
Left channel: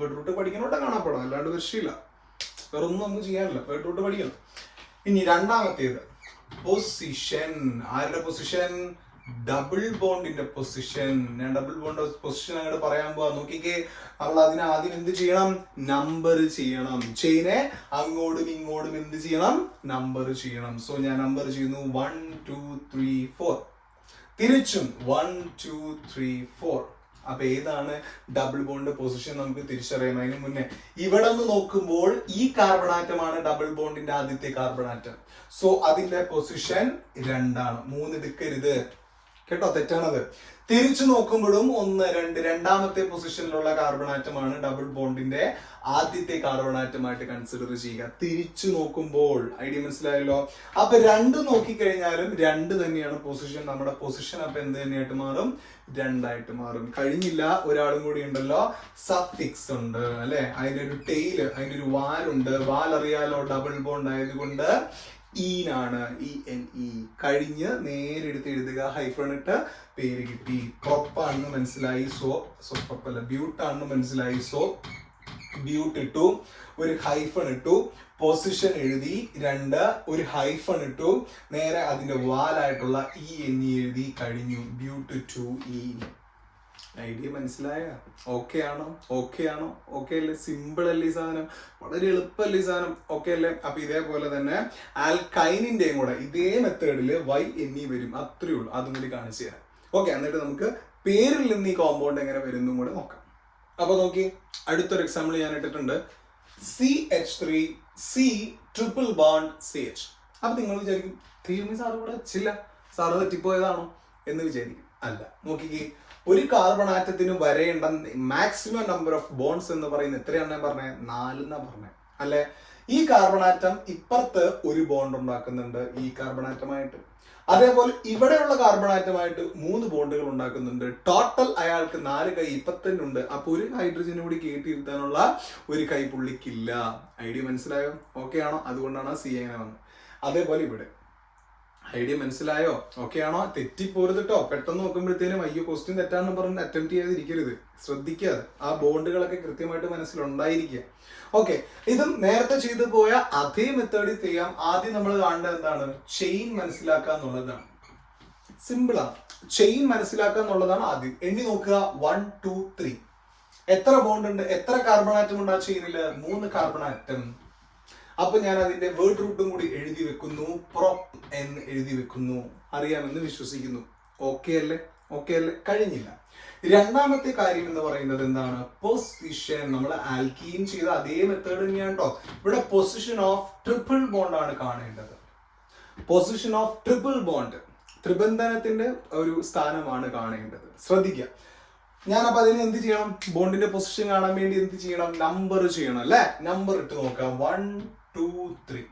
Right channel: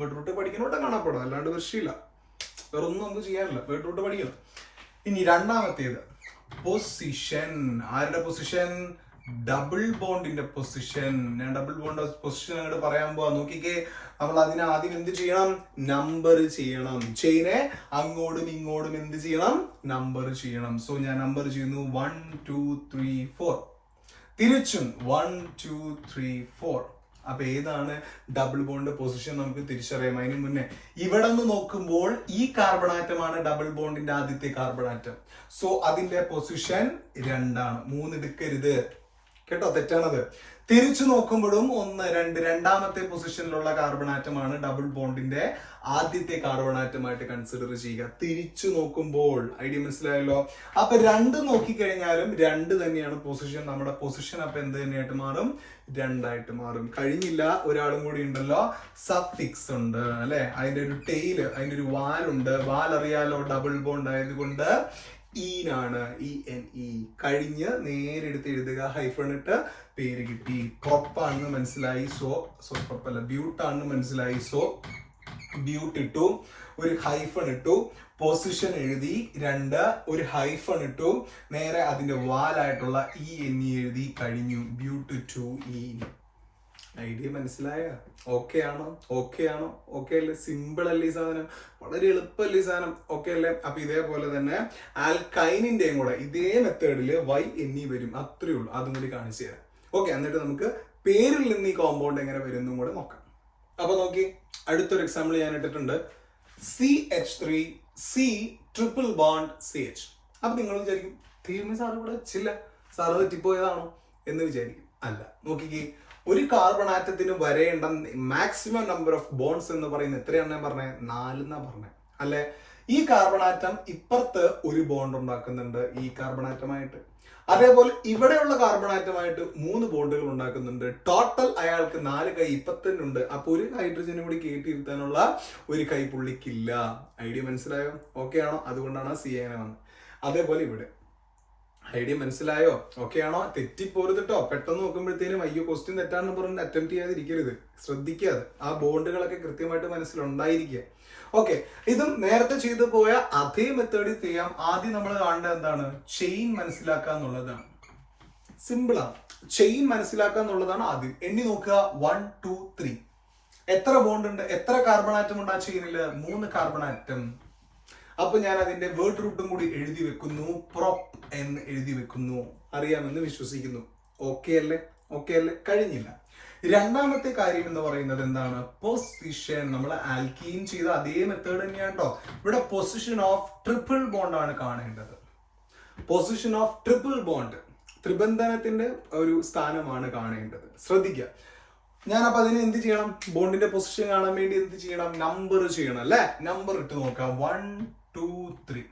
വേർഡ് റൂട്ട് പഠിക്കണോട്ട് കാണാപ്പെടാം, അല്ലാണ്ട് വിഷയമില്ല, വേറെ ഒന്നും നമുക്ക് ചെയ്യാനില്ല, വേർഡ് റൂട്ട് പഠിക്കണം. ഇനി രണ്ടാമത്തേത് പൊസിഷൻ. ആരുടെ പൊസിഷൻ? ഡബിൾ ബോണ്ടിന്റെ പൊസിഷൻ. ഞാൻ ഡബിൾ ബോണ്ട് പൊസിഷൻ അങ്ങോട്ട് പറയാൻ പോവാ. നോക്കിക്കേ, നമ്മൾ അതിനെ ആദ്യം എന്ത് ചെയ്യണം? നമ്പർ ചെയ്യണം. ചെയിനെ അങ്ങോട്ടും ഇങ്ങോട്ടും എന്ത് ചെയ്യണം? നമ്പർ ചെയ്യണം. സോ ഞാൻ നമ്പർ ചെയ്യുന്നു 1 2 3 4. തിരിച്ചും 1 2 3 4. അപ്പൊ ഏതാണ് ഡബിൾ ബോണ്ട് പൊസിഷൻ നമുക്ക് തിരിച്ചറിയാം. അതിന് മുന്നേ ഇവിടെ നിന്ന് നോക്കുമ്പോൾ ഈ കാർബൺ ആറ്റമാണ് ഡബിൾ ബോണ്ടിന്റെ ആദ്യത്തെ കാർബൺ ആറ്റം. സോ അതിന്റെ പൊസിഷൻ 2 ആണ്. 3 എടുക്കരുത് കേട്ടോ, തെറ്റാണത്. തിരിച്ചു നോക്കുമ്പോഴും 1 2 രണ്ടാമത്തെ പൊസിഷനിലുള്ള കാർബൺ ആറ്റമാണ് ഡബിൾ ബോണ്ടിന്റെ ആദ്യത്തെ കാർബൺ ആറ്റമായിട്ട് കൺസിഡർ ചെയ്യുക. തിരിച്ചു നോക്കുമ്പോൾ ഐഡിയ മനസ്സിലായല്ലോ. അപ്പൊ 2 നോക്കിക്കഴിഞ്ഞാലും 2 തന്നെയാണ് പൊസിഷൻ. നമ്മുടെ പൊസിഷൻ അപ്പൊ എന്ത് തന്നെയായിട്ട് മാറും? 2 ആയിട്ട് മാറും. കഴിഞ്ഞില്ല, ഒരാളും കൂടി ഉണ്ടല്ലോ, സഫിക്സ് ഉണ്ട് അല്ലെ. അതിന്റെ ഒരു ടെയില്, അതിന്റെ ഒരു വാലുണ്ട്. വാൽ അറിയാലോ, ഡബിൾ ബോണ്ട് ആയതുകൊണ്ട് ഈനാണ്. ENE. കഴിഞ്ഞ് നേരെ എടുത്ത് എഴുതുക, ഹൈഫൺ ഇട്ട് പേര് കിട്ടി. പ്രൊപ്പാണെന്ന് മനസ്സിലായി, സോ പ്രൊപ്പല്ല, ബ്യൂട്ടാണെന്ന് മനസ്സിലായി, സോ ബ്യൂട്ട് ഇട്ടു, ഒരു ഹൈഫൺ ഇട്ടു, പൊസിഷൻ എഴുതി 2, ഒരു ഹൈഫൺ ഇട്ടു, നേരെ അതിന്റെ വാലായിട്ടുള്ള ENE എഴുതി, കഴിഞ്ഞു. ബ്യൂട്ട് 2E. ഐഡിയ മനസ്സിലായ? ഓക്കെ ആണോ? ഓക്കെ ആണോ? ഓക്കെ അല്ലേ? സിമ്പിൾ അല്ലേ ഈ സാധനം? വളരെ എളുപ്പമല്ലേ ഈ സാധനം? ഓക്കെ അല്ലേ? അപ്പൊ ഇതേപോലെ തന്നെ ആൽക്കൈനിന്റെയും കൂടെ ഇതേ മെത്തേഡില് YNE വരും, അത്രേ ഉള്ളൂ. അതും കൂടി കാണിച്ചു തരാം. ഓക്കെ, എന്നിട്ട് നമുക്ക് പേരിൽ നിന്ന് ഈ കോമ്പൗണ്ട് എങ്ങനെ വരുന്നും കൂടെ നോക്കാം. അപ്പൊ നോക്കി, അടുത്തൊരു എക്സാമ്പിൾ ഞാൻ ഇട്ടിട്ടുണ്ട്. CH3 C triple bond CH. അപ്പൊ നിങ്ങൾ വിചാരിക്കും, തീർന്നു സാറ് കൂടെ വെച്ചില്ല, സാറ് തെറ്റിപ്പോയതാണോ എന്ന് വിചാരിക്കും. അല്ല, നോക്കിക്കേ, ഒരു കാർബൺ ആറ്റത്തിന് വരേണ്ട മാക്സിമം നമ്പർ ഓഫ് ബോണ്ട്സ് എന്ന് പറയുന്നത് എത്രയാണെന്ന് പറഞ്ഞേ? 4 എന്നാ പറഞ്ഞേ അല്ലെ. ഈ കാർബൺ ആറ്റം ഇപ്പുറത്ത് ഒരു ബോണ്ട് ഉണ്ടാക്കുന്നുണ്ട് ഈ കാർബൺ ആറ്റമായിട്ട്. അതേപോലെ ഇവിടെയുള്ള കാർബൺ ആറ്റമായിട്ട് 3 ബോണ്ടുകൾ ഉണ്ടാക്കുന്നുണ്ട്. ടോട്ടൽ അയാൾക്ക് 4 കൈ ഇപ്പത്തന്നുണ്ട്. അപ്പൊ ഒരു ഹൈഡ്രജനും കൂടി കയറ്റിയിരുത്താനുള്ള ഒരു കൈ പുള്ളിക്കില്ല. ഐഡിയ മനസ്സിലായോ? ഓക്കെ ആണോ? അതുകൊണ്ടാണ് CN വന്നത്. അതേപോലെ ഇവിടെ ഐഡിയ മനസ്സിലായോ? ഓക്കെ ആണോ? തെറ്റിപ്പോരുത് കേട്ടോ. പെട്ടെന്ന് നോക്കുമ്പോഴത്തേനും അയ്യോ ക്വസ്റ്റ്യൻ തെറ്റാണെന്ന് പറഞ്ഞ് അറ്റംപ്റ്റ് ചെയ്യാതിരിക്കരുത്, ശ്രദ്ധിക്കാതെ. ആ ബോണ്ടുകളൊക്കെ കൃത്യമായിട്ട് മനസ്സിലുണ്ടായിരിക്കുക. ഓക്കെ, ഇതും നേരത്തെ ചെയ്തു പോയ അതേ മെത്തേഡിൽ ചെയ്യാം. ആദ്യം നമ്മൾ കാണേണ്ടത് എന്താണ്? ചെയിൻ മനസ്സിലാക്കുക എന്നുള്ളതാണ്. സിമ്പിളാണ്. ചെയിൻ മനസ്സിലാക്കുക എന്നുള്ളതാണ് ആദ്യം. എണ്ണി നോക്കുക, 1 2 3. എത്ര ബോണ്ട് ഉണ്ട്? എത്ര കാർബൺ ആറ്റം ഉണ്ട് ആ ചെയിനില്? 3 കാർബൺ ആറ്റം. അപ്പൊ ഞാൻ അതിന്റെ വേർഡ് റൂട്ടും കൂടി എഴുതി വെക്കുന്നു, പ്രൊപ്പ് എന്ന് എഴുതി വെക്കുന്നു. അറിയാമെന്ന് വിശ്വസിക്കുന്നു. ഓക്കെ അല്ലേ? ഓക്കെ അല്ലേ? കഴിഞ്ഞില്ല. രണ്ടാമത്തെ കാര്യം എന്ന് പറയുന്നത് എന്താണ്? പൊസിഷൻ. നമ്മൾ ആൽക്കീൻ ചെയ്ത അതേ മെത്തേഡ് തന്നെയാണ് കേട്ടോ. ഇവിടെ പൊസിഷൻ ഓഫ് ട്രിപ്പിൾ ബോണ്ട് ആണ് കാണേണ്ടത്. പൊസിഷൻ ഓഫ് ട്രിപ്പിൾ ബോണ്ട്, ത്രിബന്ധനത്തിന്റെ ഒരു സ്ഥാനമാണ് കാണേണ്ടത്. ശ്രദ്ധിക്കുക. ഞാൻ അപ്പൊ അതിന് എന്ത് ചെയ്യണം? ബോണ്ടിന്റെ പൊസിഷൻ കാണാൻ വേണ്ടി എന്ത് ചെയ്യണം? നമ്പർ ചെയ്യണം അല്ലെ. നമ്പർ ഇട്ട് നോക്കാം. 1 2 3.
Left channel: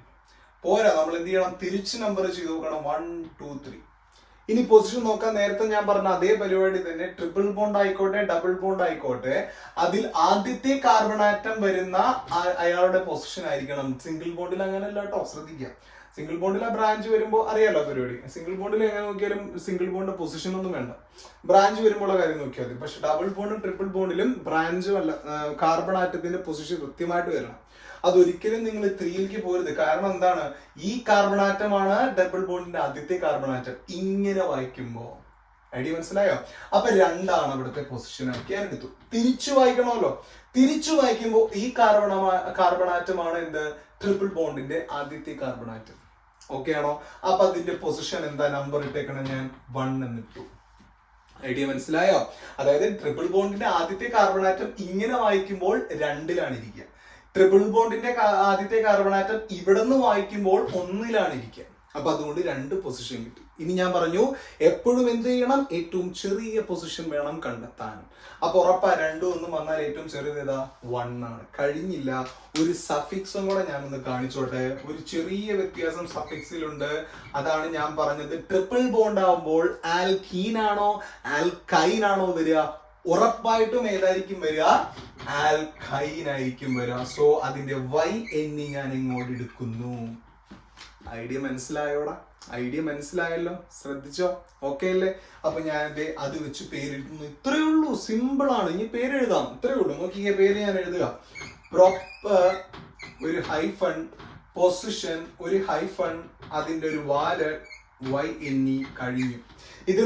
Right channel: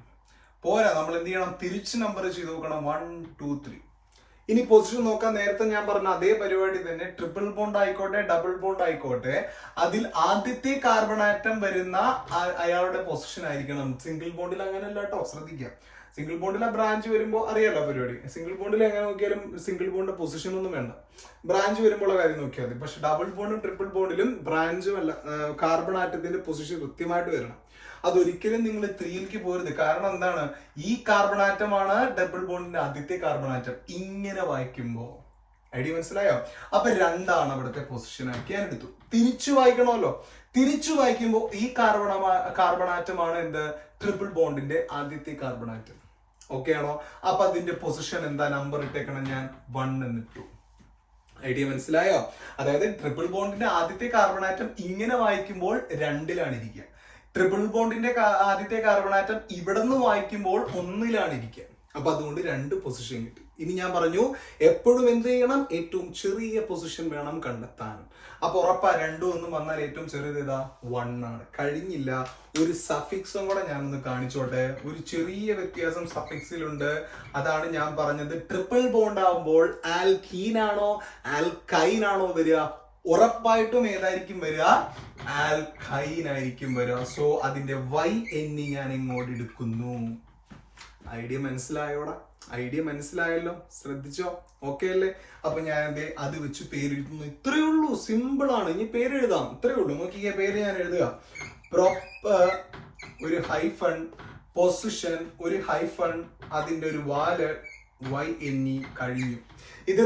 പോരാ, നമ്മൾ എന്ത് ചെയ്യണം? തിരിച്ച് നമ്പർ ചെയ്ത് നോക്കണം. 1 2 3. ഇനി പൊസിഷൻ നോക്കാൻ നേരത്തെ ഞാൻ പറഞ്ഞ അതേ പരിപാടി തന്നെ. ട്രിപ്പിൾ ബോണ്ട് ആയിക്കോട്ടെ, ഡബിൾ ബോണ്ട് ആയിക്കോട്ടെ, അതിൽ ആദ്യത്തെ കാർബൺ ആറ്റം വരുന്ന അയാളുടെ പൊസിഷൻ ആയിരിക്കണം. സിംഗിൾ ബോണ്ടിൽ അങ്ങനെയല്ല കേട്ടോ, ശ്രദ്ധിക്കുക. സിംഗിൾ ബോണ്ടിൽ ആ ബ്രാഞ്ച് വരുമ്പോൾ അറിയാലോ പരിപാടി. സിംഗിൾ ബോണ്ടിൽ എങ്ങനെ നോക്കിയാലും സിംഗിൾ ബോണ്ട് പൊസിഷൻ ഒന്നും വേണ്ട, ബ്രാഞ്ച് വരുമ്പോൾ കാര്യം നോക്കിയാൽ മതി. പക്ഷെ ഡബിൾ ബോണ്ടും ട്രിപ്പിൾ ബോണ്ടിലും ബ്രാഞ്ചും അല്ല, കാർബൺ ആറ്റത്തിന്റെ പൊസിഷൻ കൃത്യമായിട്ട് വരണം. അതൊരിക്കലും നിങ്ങൾ 3ലേക്ക് പോരുത്. കാരണം എന്താണ്? ഈ കാർബൺ ആറ്റമാണ് ഡബിൾ ബോണ്ടിന്റെ ആദ്യത്തെ കാർബൺ ആറ്റം. ഇങ്ങനെ വായിക്കുമ്പോ ഐഡിയ മനസ്സിലായോ? അപ്പൊ 2 ആണ് ഇവിടുത്തെ പൊസിഷൻ ആക്കി ഞാൻ എടുത്തു. തിരിച്ചു വായിക്കണമല്ലോ. തിരിച്ചു വായിക്കുമ്പോൾ ഈ കാർബൺ ആറ്റമാണ് എന്ത്? ട്രിപ്പിൾ ബോണ്ടിന്റെ ആദ്യത്തെ കാർബൺ ആറ്റം. ഓക്കെ ആണോ? അപ്പൊ അതിന്റെ പൊസിഷൻ എന്താ? നമ്പർ ഇട്ടേക്കണം ഞാൻ 1 എന്നിട്ടു. ഐഡിയ മനസ്സിലായോ? അതായത് ട്രിപ്പിൾ ബോണ്ടിന്റെ ആദ്യത്തെ കാർബൺ ആറ്റം ഇങ്ങനെ വായിക്കുമ്പോൾ 2ലാണ് ഇരിക്കുക. ട്രിപ്പിൾ ബോണ്ടിന്റെ ആദ്യത്തെ കാർബൺ ആറ്റം ഇവിടെ നിന്ന് വായിക്കുമ്പോൾ 1-ലാണ് ഇരിക്കുക. അപ്പൊ അതുകൊണ്ട് 2 പൊസിഷൻ കിട്ടി. ഇനി ഞാൻ പറഞ്ഞു എപ്പോഴും എന്ത് ചെയ്യണം, ഏറ്റവും ചെറിയ പൊസിഷൻ വേണം കണ്ടെത്താൻ. അപ്പൊ ഉറപ്പാ 2 ഒന്നും വന്നാൽ ഏറ്റവും ചെറിയത് ഏതാ, 1 ആണ്. കഴിഞ്ഞില്ല, ഒരു സഫിക്സും കൂടെ ഞാനൊന്ന് കാണിച്ചോട്ടെ. ഒരു ചെറിയ വ്യത്യാസം സഫിക്സിലുണ്ട്. അതാണ് ഞാൻ പറഞ്ഞത്, ട്രിപ്പിൾ ബോണ്ട് ആവുമ്പോൾ ആൽക്കീൻ ആണോ ആൽക്കൈൻ ആണോ വരിക, ഉറപ്പായിട്ടും ഏതായിരിക്കും വരിക, ആൽക്കൈൻ ആയിരിക്കും വരിക. സോ അതിന്റെ YNE ഞാൻ ഇങ്ങോട്ട് എടുക്കുന്നു. ഐഡിയ മനസ്സിലായോടാ? ഐഡിയ മനസ്സിലായല്ലോ, ശ്രദ്ധിച്ചോ? ഓക്കെ അല്ലേ? അപ്പൊ ഞാൻ അത് വെച്ച് പേരെഴുതുന്നു. ഇത്രയേ ഉള്ളൂ, സിമ്പിൾ ആണ്. ഇനി പേരെഴുതാം, ഇത്രയേ ഉള്ളൂ. നോക്കി പേര് ഞാൻ എഴുതുക, പ്രോപ്പർ ഒരു ഹൈഫൺ, പൊസിഷൻ ഒരു ഹൈഫൺ, അതിന്റെ ഒരു വാല് YNE കഴിഞ്ഞു. ഇത്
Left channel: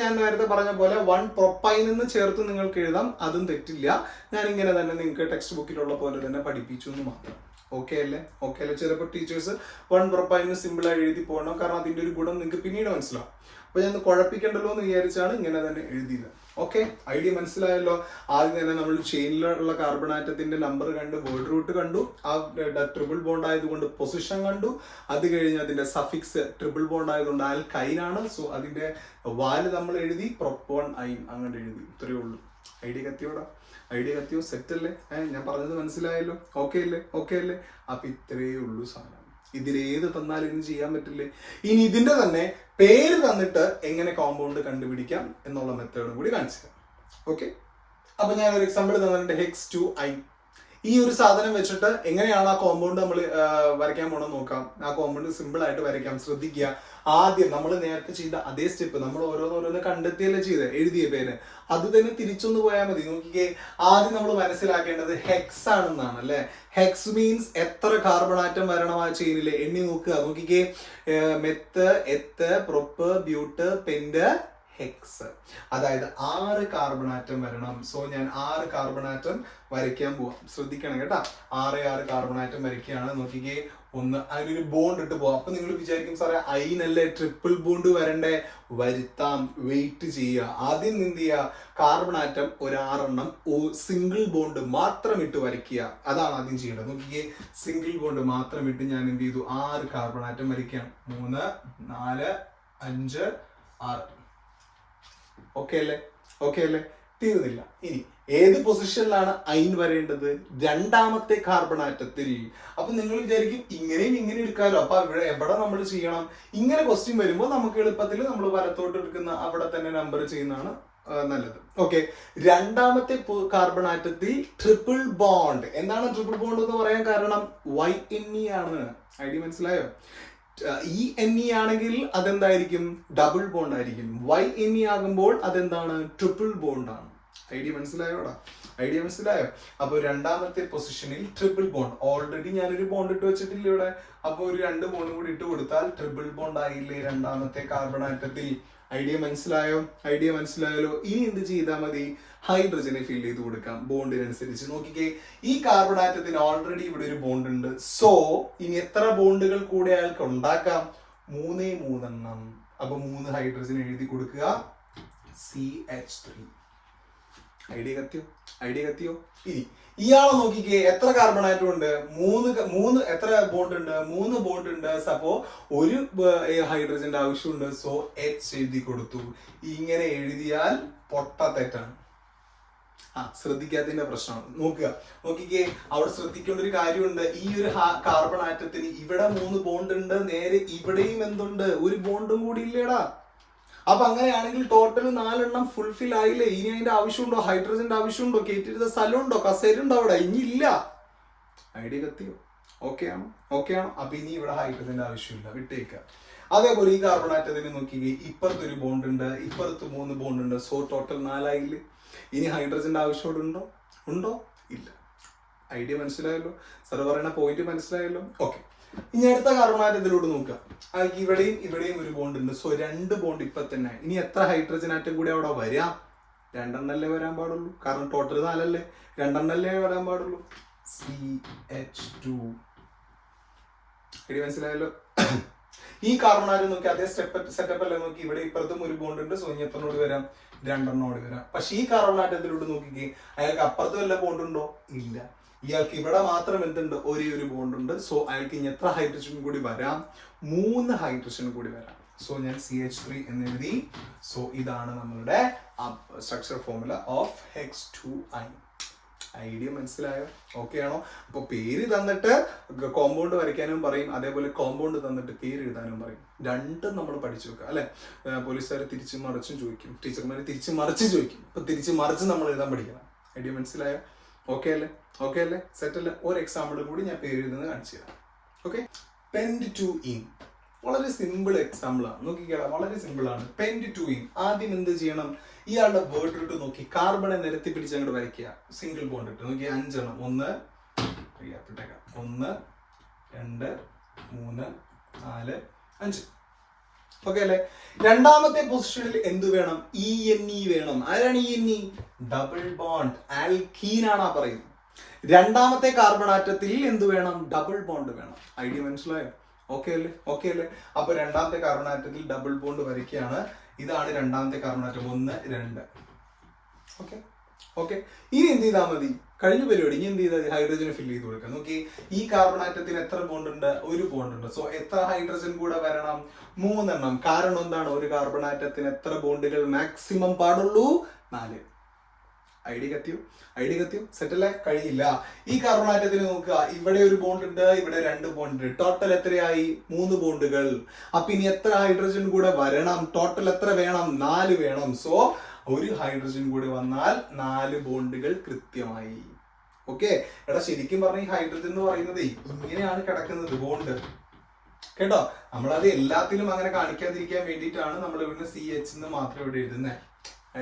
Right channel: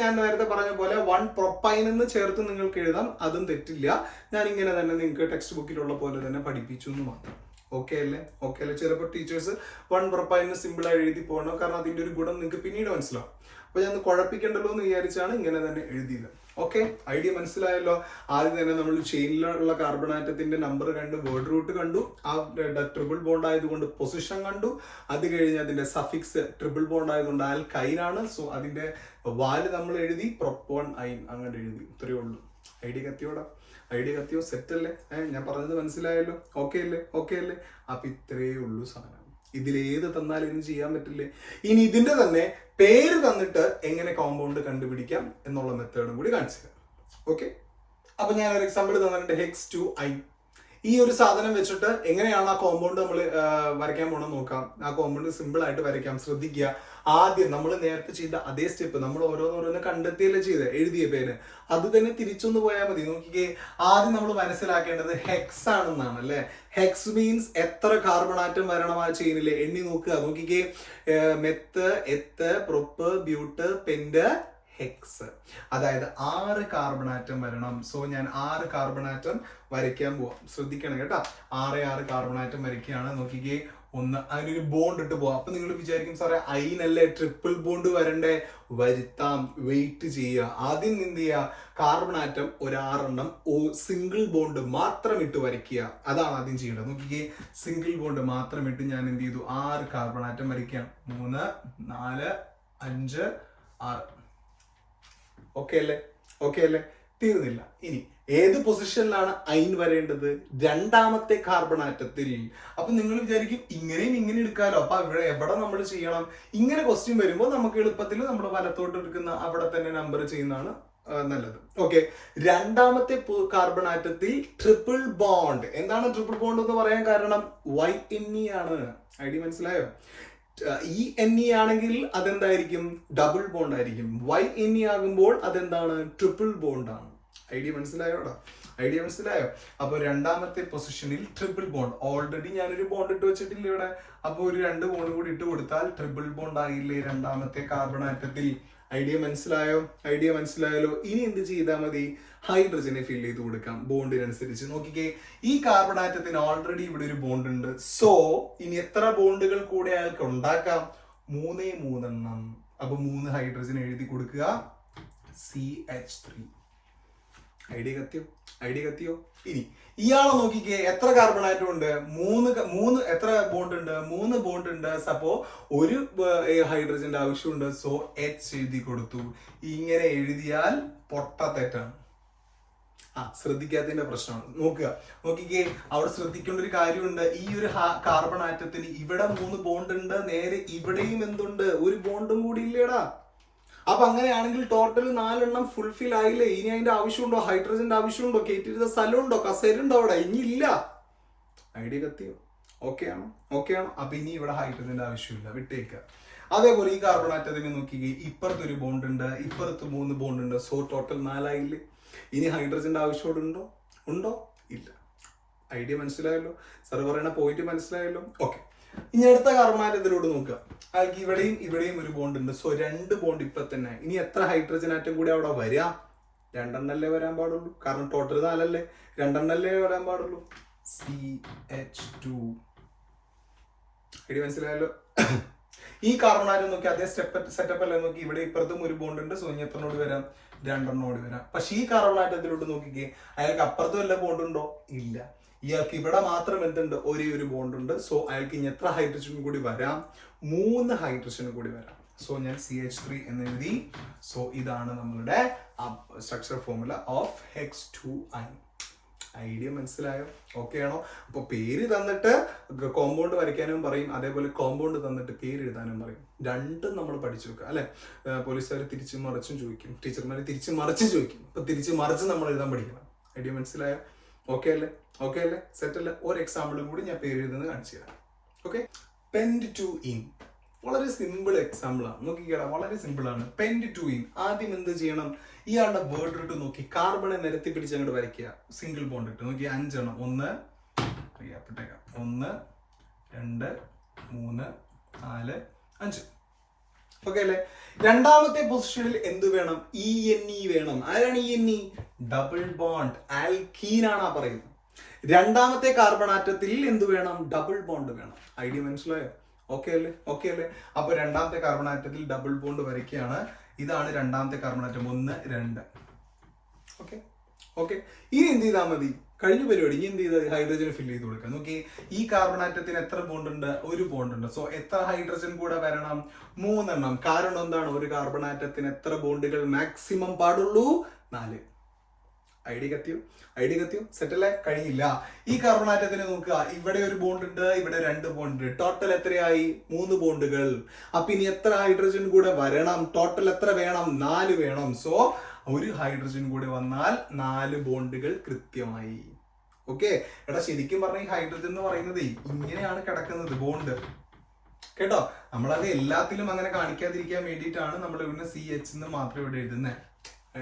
ഞാൻ നേരത്തെ പറഞ്ഞ പോലെ 1 പ്രൊപ്പൈൻ എന്ന് ചേർത്ത് നിങ്ങൾക്ക് എഴുതാം, അതും തെറ്റില്ല. ഞാൻ ഇങ്ങനെ തന്നെ നിങ്ങൾക്ക് ടെക്സ്റ്റ് ബുക്കിലുള്ള പോലെ തന്നെ പഠിപ്പിച്ചു എന്ന് മാത്രം. ഓക്കെ അല്ലേ? ഓക്കെ അല്ലേ? ചിലപ്പോൾ ടീച്ചേഴ്സ് 1 പ്രൊപ്പൈന് സിമ്പിൾ ആയി എഴുതി പോകണം, കാരണം അതിന്റെ ഒരു ഗുണം നിങ്ങൾക്ക് പിന്നീട് മനസ്സിലാവും. അപ്പൊ ഞാൻ കുഴപ്പിക്കണ്ടല്ലോ എന്ന് വിചാരിച്ചാണ് ഇങ്ങനെ തന്നെ എഴുതിയത്. ഓക്കെ, ഐഡിയ മനസ്സിലായല്ലോ? ആദ്യം തന്നെ നമ്മൾ ചെയിനിലുള്ള കാർബൺ ആറ്റത്തിന്റെ നമ്പർ കണ്ടു, വേർഡ് റൂട്ട് കണ്ടു, ആ ട്രിപ്പിൾ ബോണ്ട് ആയതുകൊണ്ട് പൊസിഷൻ കണ്ടു. അത് കഴിഞ്ഞ് അതിന്റെ സഫിക്സ് ട്രിപ്പിൾ ബോണ്ട് ആയതുകൊണ്ട് ആൽക്കൈൻ ആണ്. സോ അതിന്റെ വാല് നമ്മൾ എഴുതി, പ്രൊപ്പോൺ ഐൻ അങ്ങനെ എഴുതി. ഇത്രയേ ഉള്ളൂ. ഐഡിയ കത്തിയോടാ? ഐഡിയ കത്തിയോ? സെറ്റ് അല്ലേ? ഞാൻ പറഞ്ഞത് മനസ്സിലായല്ലോ? ഓക്കെ അല്ലേ? ഓക്കെ അല്ലേ? അപ്പൊ ഇത്രയേ ഉള്ളൂ സാധനം. ഇതിലേത് തന്നാലും ഇനി ചെയ്യാൻ പറ്റില്ലേ? ഇനി ഇതിന്റെ തന്നെ പേര് തന്നിട്ട് എങ്ങനെ കോമ്പൗണ്ട് കണ്ടുപിടിക്കാം എന്നുള്ള മെത്തേഡും കൂടി കാണിച്ചു തരാം. ഓക്കെ, അപ്പൊ ഞാൻ ഒരു എക്സാമ്പിൾ തന്നിട്ടുണ്ട്, Hex2I. ഈ ഒരു സാധനം വെച്ചിട്ട് എങ്ങനെയാണ് ആ കോമ്പൗണ്ട് നമ്മൾ വരയ്ക്കാൻ പോകണമെന്ന് നോക്കാം. ആ കോമ്പൗണ്ട് സിമ്പിൾ ആയിട്ട് വരയ്ക്കാം. ശ്രദ്ധിക്കുക, ആദ്യം നമ്മൾ നേരത്തെ ചെയ്ത അതേ സ്റ്റെപ്പ് നമ്മൾ ഓരോന്നോരോന്ന് കണ്ടെത്തിയല്ലേ ചെയ്ത് എഴുതിയ പേര്, അത് തന്നെ തിരിച്ചൊന്ന് പോയാൽ മതി. നോക്കിക്കേ, ആദ്യം നമ്മൾ മനസ്സിലാക്കേണ്ടത് ഹെക്സ് ആണെന്നാണ് അല്ലെ. ഹെക്സ് മീൻസ് എത്ര കാർബൺ ആറ്റം വരണം ആ ചെയിനില്, എണ്ണി നോക്കുക. നോക്കിക്കേ, മെത്ത്, എത്ത്, പ്രൊപ്പ്, ബ്യൂട്ട്, പെന്റ്, ഹെക്സ്. അതായത് 6 കാർബൺ ആറ്റം വരണം. സോ ഞാൻ 6 കാർബൺ ആറ്റം വരയ്ക്കാൻ പോവാം. ശ്രദ്ധിക്കണം കേട്ടാ, 6 കാർബൺ ആറ്റം വരയ്ക്കുകയാണ്. നോക്കിക്കേ, ഒന്ന് അതിനൊരു ബോണ്ട് ഇട്ട് പോവാം. അപ്പൊ നിങ്ങൾ വിചാരിക്കും സാറേ അയിനല്ലേ ട്രിപ്പിൾ ബോണ്ട് വരണ്ടേ? വരുത്താം, വെയിറ്റ് ചെയ്യുക. ആദ്യം എന്ത് ചെയ്യുക, കാർബൺ ആറ്റം ഒരു 6 സിംഗിൾ ബോണ്ട് മാത്രം ഇട്ട് വരയ്ക്കുക. അതാണ് ആദ്യം ചെയ്യേണ്ടത്. നോക്കിക്കേ, സിംഗിൾ ബോണ്ട് മാത്രം ഇട്ട് ഞാൻ എന്ത് ചെയ്തു, 6 കാർബൺ ആറ്റം വരയ്ക്കുകയാണ്. 3, 4, 5, 6. ഓക്കെ അല്ലേ? ഓക്കെ അല്ലേ? തീർന്നില്ല. ഇനി ഏത് പൊസിഷനിലാണ് അയിൻ വരേണ്ടത്? 2ാമത്തെ കാർബൺ ആറ്റത്തിൽ. അപ്പൊ നിങ്ങൾ വിചാരിക്കും ഇങ്ങനെയും ഇങ്ങനെ എടുക്കാമല്ലോ, അപ്പൊ എവിടെ നമ്മൾ ചെയ്യണം? ഇങ്ങനെ ക്വസ്റ്റ്യൻ വരുമ്പോൾ നമുക്ക് എളുപ്പത്തിൽ നമ്മൾ വലത്തോട്ട് എടുക്കുന്ന അവിടെ തന്നെ നമ്പർ ചെയ്യുന്നതാണ് നല്ലത്. ഓക്കെ, 2ാമത്തെ കാർബൺ ആറ്റത്തിൽ ട്രിപ്പിൾ ബോണ്ട്. എന്താണ് ട്രിപ്പിൾ ബോണ്ട് എന്ന് പറയാൻ കാരണം? YNE ആണ്. ഐഡിയ മനസ്സിലായോ? ENE ആണെങ്കിൽ അതെന്തായിരിക്കും? ഡബിൾ ബോണ്ട് ആയിരിക്കും. YNE ആകുമ്പോൾ അതെന്താണ്? ട്രിപ്പിൾ ബോണ്ട് ആണ്. ഐഡിയ മനസ്സിലായോടാ? ഐഡിയ മനസ്സിലായോ? അപ്പൊ 2ാമത്തെ പൊസിഷനിൽ ട്രിപ്പിൾ ബോണ്ട്. ഓൾറെഡി ഞാനൊരു ബോണ്ട് ഇട്ട് വെച്ചിട്ടില്ല ഇവിടെ. അപ്പൊ ഒരു 2 ബോണ്ടും കൂടി ഇട്ട് കൊടുത്താൽ ട്രിപ്പിൾ ബോണ്ട് ആയില്ലേ 2ാമത്തെ കാർബൺ ആറ്റത്തിൽ? ഐഡിയ മനസ്സിലായോ? ഐഡിയ മനസ്സിലായല്ലോ? ഇനി എന്ത് ചെയ്താൽ മതി? ഹൈഡ്രജനെ ഫിൽ ചെയ്ത് കൊടുക്കാം ബോണ്ടിനനുസരിച്ച്. നോക്കിക്കേ, ഈ കാർബൺ ആറ്റത്തിന് ഓൾറെഡി ഇവിടെ ഒരു ബോണ്ട് ഉണ്ട്. സോ ഇനി എത്ര ബോണ്ടുകൾ കൂടെ അയാൾക്ക് ഉണ്ടാക്കാം? 3 എണ്ണം. അപ്പൊ 3 ഹൈഡ്രജൻ എഴുതി കൊടുക്കുക, CH3. ഐഡിയ കത്തിയോ? ഐഡിയ കത്തിയോ? ഇനി ഇയാളെ നോക്കിക്കേ, എത്ര കാർബൺ ആറ്റം ഉണ്ട്? 3 എത്ര ബോണ്ട് ഉണ്ട്? 3 ബോണ്ട് ഉണ്ട്. അപ്പോ ഒരു ഹൈഡ്രജന്റെ ആവശ്യമുണ്ട്. സോ H എഴുതി കൊടുത്തു. ഇങ്ങനെ എഴുതിയാൽ പൊട്ട തെറ്റാണ്. ശ്രദ്ധിക്കാത്തതിന്റെ പ്രശ്നമാണ്. നോക്കിക്കേ, അവിടെ ശ്രദ്ധിക്കേണ്ട ഒരു കാര്യമുണ്ട്. ഈ ഒരു കാർബൺ ആറ്റത്തിന് ഇവിടെ 3 ബോണ്ട് ഉണ്ട്, നേരെ ഇവിടെയും എന്തുണ്ട്? ഒരു ബോണ്ടും കൂടി ഇല്ലേടാ. അപ്പൊ അങ്ങനെയാണെങ്കിൽ ടോട്ടൽ 4 എണ്ണം ഫുൾഫിൽ ആയില്ലേ? ഇനി അതിന്റെ ആവശ്യമുണ്ടോ? ഹൈഡ്രജന്റെ ആവശ്യമുണ്ടോ? കയറ്റിയിരുന്ന സ്ഥലമുണ്ടോ? കസേലുണ്ടോ അവിടെ? ഇനി ഇല്ല. ഐഡിയ കത്തിയോ? ഓക്കെ ആണോ? ഓക്കെ ആണോ? അപ്പൊ ഇനി ഇവിടെ ഹൈഡ്രജന്റെ ആവശ്യമില്ല, വിട്ടേക്കുക. അതേപോലെ ഈ കാർബൺ ആറ്റത്തിന് നോക്കിക്കേ, ഇപ്പുറത്തൊരു ബോണ്ട് ഉണ്ട്, ഇപ്പുറത്ത് 3 ബോണ്ട് ഉണ്ട്. സോ ടോട്ടൽ 4 ആയില്ലേ? ഇനി ഹൈഡ്രജന്റെ ആവശ്യമുണ്ടോ? ഉണ്ടോ? ഇല്ല. ഐഡിയ മനസ്സിലായല്ലോ? സാർ പറയുന്ന പോയിന്റ് മനസ്സിലായല്ലോ? ഓക്കെ, ഇനി അടുത്ത കാർബൺ ആറ്റത്തിലൂടെ നോക്കുക. അതിലേക്ക് ഇവിടെയും ഒരു ബോണ്ട് ഉണ്ട്. സോ 2 ബോണ്ട് ഇപ്പൊ തന്നെ. ഇനി എത്ര ഹൈഡ്രജൻ ആറ്റം കൂടി അവിടെ വരാം? 2 എണ്ണല്ലേ വരാൻ പാടുള്ളൂ, കാരണം ടോട്ടൽ 4 അല്ലേ. 2 എണ്ണല്ലേ വരാൻ പാടുള്ളൂ. CH2. ഐഡിയ മനസ്സിലായല്ലോ? ഈ കാർബൺ ആറ്റം നോക്കി അതേ സെറ്റപ്പ് അല്ലേ? നോക്കി, ഇവിടെ ഇപ്പുറത്തും ഒരു ബോണ്ട് ഉണ്ട്. സോ ഇനി എത്രനോട് വരാം? 2 എണ്ണോട് വരാം. പക്ഷെ ഈ കാർബൺ ആറ്റത്തിലോട്ട് നോക്കിക്കേ, അയാൾക്ക് അപ്പുറത്തും വല്ല ബോണ്ട് ഉണ്ടോ? ഇല്ല. ഇയാൾക്ക് ഇവിടെ മാത്രം എന്തുണ്ട്, ഒരേ ഒരു ബോണ്ട് ഉണ്ട്. സോ അയാൾക്ക് ഇനി എത്ര ഹൈഡ്രജൻ കൂടി വരാം, 3 ഹൈഡ്രജൻ കൂടി വരാം. സോ ഞാൻ CH3 എന്ന് എഴുതി. സോ ഇതാണ് നമ്മളുടെ structure formula of Hex2I. Idea മനസ്സിലായോ? ഓക്കെ ആണോ? അപ്പൊ പേര് തന്നിട്ട് കോമ്പൗണ്ട് വരയ്ക്കാനും പറയും, അതേപോലെ കോമ്പൗണ്ട് തന്നിട്ട് പേര് എഴുതാനും പറയും. രണ്ടും നമ്മൾ പഠിച്ചു വെക്കുക അല്ലെ. പോലീസുകാർ തിരിച്ചു മറിച്ചും ചോദിക്കും, ടീച്ചർമാര് തിരിച്ചു മറിച്ച് ചോദിക്കും. അപ്പൊ തിരിച്ചു മറിച്ച് നമ്മൾ എഴുതാൻ പഠിക്കണം. ഐഡിയ മനസ്സിലായോ? ഓക്കെ അല്ലേ? ഓക്കെ അല്ലേ? സെറ്റ് അല്ലേ? ഒരു എക്സാമ്പിളും കൂടി ഞാൻ പേര് എഴുതുന്നത് കാണിച്ചു തരാം. ഓക്കെ, Pent2ene വളരെ സിമ്പിൾ എക്സാമ്പിൾ ആണ്. നോക്കിക്കേടാ, വളരെ സിമ്പിൾ ആണ്. Pent2ene ആദ്യം എന്ത് ചെയ്യണം, ഇയാളുടെ ബോർഡർ ഇട്ട് നോക്കി കാർബണെ നിരത്തി പിടിച്ച് അങ്ങോട്ട് വരയ്ക്കുക. സിംഗിൾ ബോണ്ട് ഇട്ട് നോക്കി 5 എണ്ണം. 1 2 3 4 5. ഓക്കെ അല്ലേ? രണ്ടാമത്തെ പൊസിഷനിൽ എന്ത് വേണം, ENE വേണം. ആരാണ് ENE? ഡബിൾ ബോണ്ട്, ആൽക്കീൻ ആണ് പറയുന്നത്. രണ്ടാമത്തെ കാർബൺ ആറ്റത്തിൽ എന്ത് വേണം, ഡബിൾ ബോണ്ട് വേണം. ഐഡിയ മനസ്സിലായോ? ഓക്കെ അല്ലേ? ഓക്കെ അല്ലേ? അപ്പൊ രണ്ടാമത്തെ കാർബൺ ആറ്റത്തിൽ ഡബിൾ ബോണ്ട് വരയ്ക്കുകയാണ്. ഇതാണ് രണ്ടാമത്തെ കാർബൺ ആറ്റം, 1 2. ഓക്കെ ഓക്കെ, ഇനി എന്ത് ചെയ്താൽ മതി, കഴിഞ്ഞ പരിപാടി. ഇനി എന്ത് ചെയ്താൽ ഹൈഡ്രജനെ ഫില്ല് ചെയ്ത് കൊടുക്കാം. നോക്കി, ഈ കാർബൺ ആറ്റത്തിന് എത്ര ബോണ്ട് ഉണ്ട്, ഒരു ബോണ്ട് ഉണ്ട്. സോ എത്ര ഹൈഡ്രജൻ കൂടെ വരണം, 3 എണ്ണം. കാരണം എന്താണ്, ഒരു കാർബൺ ആറ്റത്തിന് എത്ര ബോണ്ടുകൾ മാക്സിമം പാടുള്ളൂ, 4. ഐഡിയ കത്തിയോ? ഐഡിയ കത്തിയോ? സെറ്റല്ലേ? കഴിയില്ല. ഈ കാർബൺ ആറ്റത്തിന് നോക്കുക, ഇവിടെ ഒരു ബോണ്ട് ഉണ്ട്, ഇവിടെ 2 ബോണ്ട്. ടോട്ടൽ എത്രയായി, 3 ബോണ്ടുകൾ. അപ്പൊ ഇനി എത്ര ഹൈഡ്രജൻ കൂടെ വരണം, ടോട്ടൽ എത്ര വേണം, 4 വേണം. സോ ഒരു ഹൈഡ്രജൻ കൂടെ വന്നാൽ 4 ബോണ്ടുകൾ കൃത്യമായി. ഓക്കെ എടാ, ശരിക്കും പറഞ്ഞ ഈ ഹൈഡ്രജൻ എന്ന് പറയുന്നത് ഇങ്ങനെയാണ് കിടക്കുന്നത്, ബോണ്ട്. കേട്ടോ, നമ്മളത് എല്ലാത്തിലും അങ്ങനെ കാണിക്കാതിരിക്കാൻ വേണ്ടിയിട്ടാണ് നമ്മൾ ഇവിടെ CH എന്ന് മാത്രം ഇവിടെ എഴുതുന്നത്.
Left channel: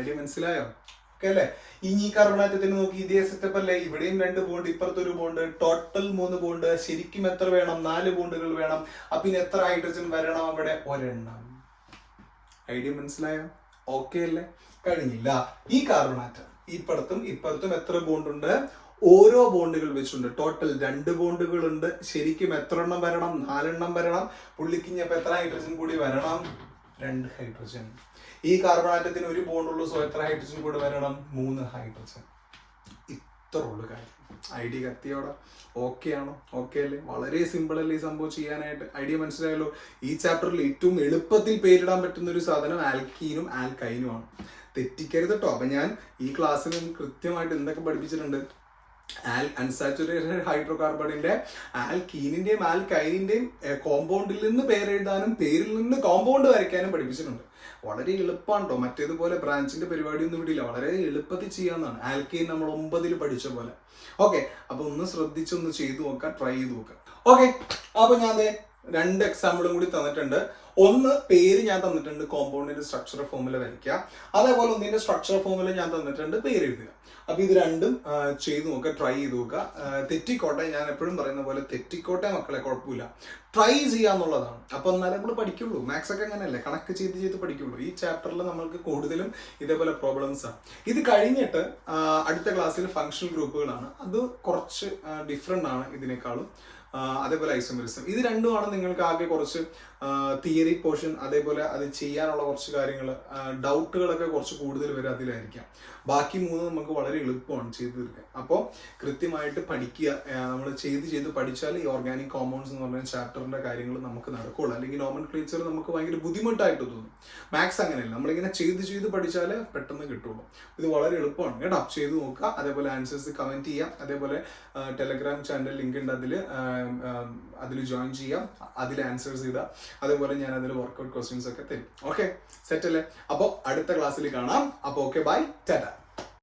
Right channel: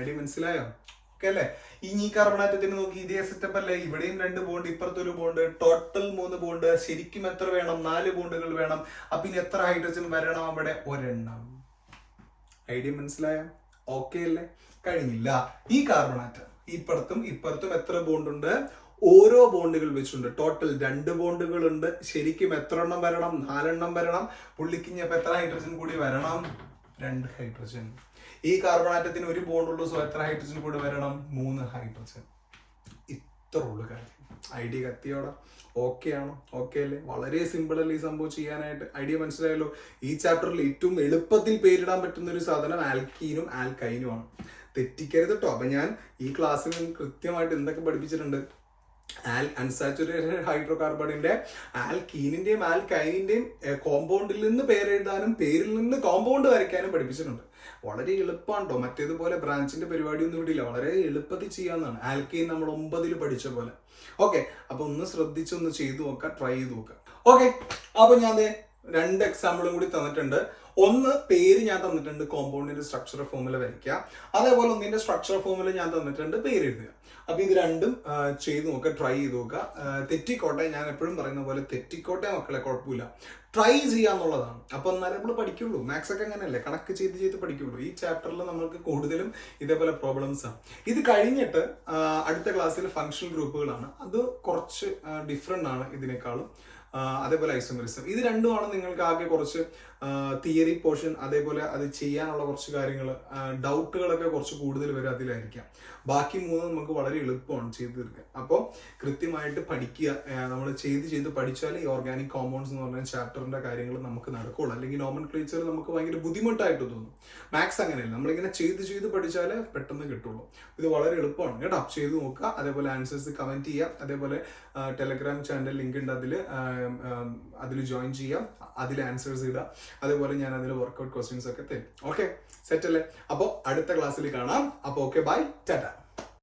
ഐഡിയ മനസ്സിലായോ? ഓക്കെ അല്ലേ? ഇനി കാർബൺ ആറ്റത്തിന് നോക്കി, ഇതേ സെറ്റപ്പ് അല്ലേ? ഇവിടെയും 2 ബോണ്ട്, ഇപ്പുറത്തൊരു ബോണ്ട്. Total 3 bond. ശരിക്കും എത്ര വേണം, 4 ബോണ്ടുകൾ വേണം. അപ്പൊ ഇനി എത്ര ഹൈഡ്രജൻ വരണം, അവിടെ 1 എണ്ണം. ഐഡിയ മനസ്സിലായോ? ഓക്കെ അല്ലേ? കഴിഞ്ഞില്ല. ഈ കാർബൺ ആറ്റം ഇപ്പുറത്തും എത്ര ബോണ്ട് ഉണ്ട്, ഓരോ ബോണ്ടുകൾ വെച്ചുണ്ട്. ടോട്ടൽ 2 ബോണ്ടുകൾ ഉണ്ട്. ശരിക്കും എത്ര എണ്ണം വരണം, 4 എണ്ണം വരണം. പുള്ളിക്കിഞ്ഞപ്പോ എത്ര ഹൈഡ്രജൻ കൂടി വരണം, 2 ഹൈഡ്രജൻ. ഈ കാർബൺ ആറ്റത്തിന് ഒരു ബോണ്ട് ഉള്ളൂ. സോ എത്ര ഹൈഡ്രജൻ കൂടി വരണം, 3 ഹൈഡ്രജൻ. ഇത്ര ഉള്ളു കാര്യം. ഐഡിയ കത്തിയോടെ? ഓക്കെ ആണോ? ഓക്കെ അല്ലേ? വളരെ സിമ്പിൾ അല്ലേ ഈ സംഭവം ചെയ്യാനായിട്ട്? ഐഡിയ മനസ്സിലായല്ലോ? ഈ ചാപ്റ്ററിൽ ഏറ്റവും എളുപ്പത്തിൽ പേരിടാൻ പറ്റുന്ന ഒരു സാധനം ആൽക്കീനും ആൽക്കൈനും ആണ്. തെറ്റിക്കരുത് കേട്ടോ. അപ്പൊ ഞാൻ ഈ ക്ലാസ്സിൽ കൃത്യമായിട്ട് എന്തൊക്കെ പഠിപ്പിച്ചിട്ടുണ്ട്, അൺസാച്ചുറേറ്റഡ് ഹൈഡ്രോകാർബണിന്റെ ആൽക്കീനിന്റെയും ആൽക്കൈനിന്റെയും കോമ്പൗണ്ടിൽ നിന്ന് പേരെഴുതാനും പേരിൽ നിന്ന് കോമ്പൗണ്ട് വരയ്ക്കാനും പഠിപ്പിച്ചിട്ടുണ്ട്. വളരെ എളുപ്പമാണ് കേട്ടോ. മറ്റേതുപോലെ ബ്രാഞ്ചിന്റെ പരിപാടിയൊന്നും വിടില്ല, വളരെ എളുപ്പത്തിൽ ചെയ്യാവുന്നതാണ്. ആൽക്കൈൻ നമ്മൾ 9ൽ പഠിച്ച പോലെ. ഓക്കെ, അപ്പൊ ഒന്ന് ശ്രദ്ധിച്ചൊന്ന് ചെയ്തു നോക്കാം, ട്രൈ ചെയ്ത് നോക്കാം. ഓക്കെ, അപ്പൊ ഞാൻ 2 എക്സാമ്പിളും കൂടി തന്നിട്ടുണ്ട്. ഒന്ന് പേര് ഞാൻ തന്നിട്ടുണ്ട്, കോമ്പൗണ്ടിന്റെ സ്ട്രക്ചർ ഫോർമുല വരയ്ക്കുക. അതേപോലെ ഒന്നിന്റെ സ്ട്രക്ചർ ഫോർമുല ഞാൻ തന്നിട്ടുണ്ട്, പേര് എഴുതുക. അപ്പൊ ഇത് രണ്ടും ചെയ്തു നോക്കുക, ട്രൈ ചെയ്ത് നോക്കുക. തെറ്റിക്കോട്ടെ, ഞാൻ എപ്പോഴും പറയുന്ന പോലെ തെറ്റിക്കോട്ടെ മക്കളെ, കുഴപ്പമില്ല. ട്രൈ ചെയ്യാന്നുള്ളതാണ്. അപ്പൊ എന്നാലും നമ്മൾ പഠിക്കുള്ളൂ. മാത്സ് ഒക്കെ അങ്ങനെയല്ലേ, കണക്ക് ചെയ്ത് പഠിക്കുള്ളൂ. ഈ ചാപ്റ്ററിൽ നമ്മൾക്ക് കൂടുതലും ഇതേപോലെ പ്രോബ്ലംസ് ആണ്. ഇത് കഴിഞ്ഞിട്ട് അടുത്ത ക്ലാസ്സിൽ ഫങ്ഷൻ ഗ്രൂപ്പുകളാണ്. അത് കുറച്ച് ഡിഫറെന്റ് ആണ് ഇതിനേക്കാളും. അതേപോലെ ഐസോമെറിസം. ഇത് രണ്ടുമാണ് നിങ്ങൾക്ക് ആകെ കുറച്ച് തിയറി പോർഷൻ, അതേപോലെ അത് ചെയ്യാനുള്ള കുറച്ച് കാര്യങ്ങൾ, ഡൗട്ടുകളൊക്കെ കുറച്ച് കൂടുതൽ വരും അതിലായിരിക്കാം. ബാക്കി 3 നമുക്ക് വളരെ എളുപ്പമാണ് ചെയ്തു തീർക്കാൻ. അപ്പോൾ കൃത്യമായിട്ട് പഠിക്കുക. നമ്മൾ ചെയ്ത് പഠിച്ചാൽ ഈ ഓർഗാനിക് കോമ്പൗണ്ട്സ് എന്ന് പറഞ്ഞ ചാപ്റ്ററിന്റെ കാര്യങ്ങൾ നമുക്ക് നടക്കുള്ളൂ. അല്ലെങ്കിൽ നോമൻക്ലേച്ചർ നമുക്ക് ഭയങ്കര ബുദ്ധിമുട്ടായിട്ട് തോന്നും. മാത്സ് അങ്ങനെയല്ല, നമ്മളിങ്ങനെ ചെയ്ത് പഠിച്ചാൽ പെട്ടെന്ന് കിട്ടുള്ളൂ. ഇത് വളരെ എളുപ്പമാണ് കേട്ടോ. ചെയ്ത് നോക്കുക. അതേപോലെ ആൻസേഴ്സ് കമന്റ് ചെയ്യാം. അതേപോലെ ടെലഗ്രാം ചാനൽ ലിങ്ക് ഉണ്ട്, അതിൽ ജോയിൻ ചെയ്യാം. അതിൽ ആൻസേഴ്സ് ചെയ്താൽ അതേപോലെ ഞാൻ അതിൽ വർക്ക്ഔട്ട് ക്വസ്റ്റ്യൻസ് ഒക്കെ തരും. ഓക്കെ, സെറ്റ് അല്ലേ? അപ്പോൾ അടുത്ത ക്ലാസ്സിൽ കാണാം. അപ്പോൾ ഓക്കെ, ബൈ, ടാറ്റ.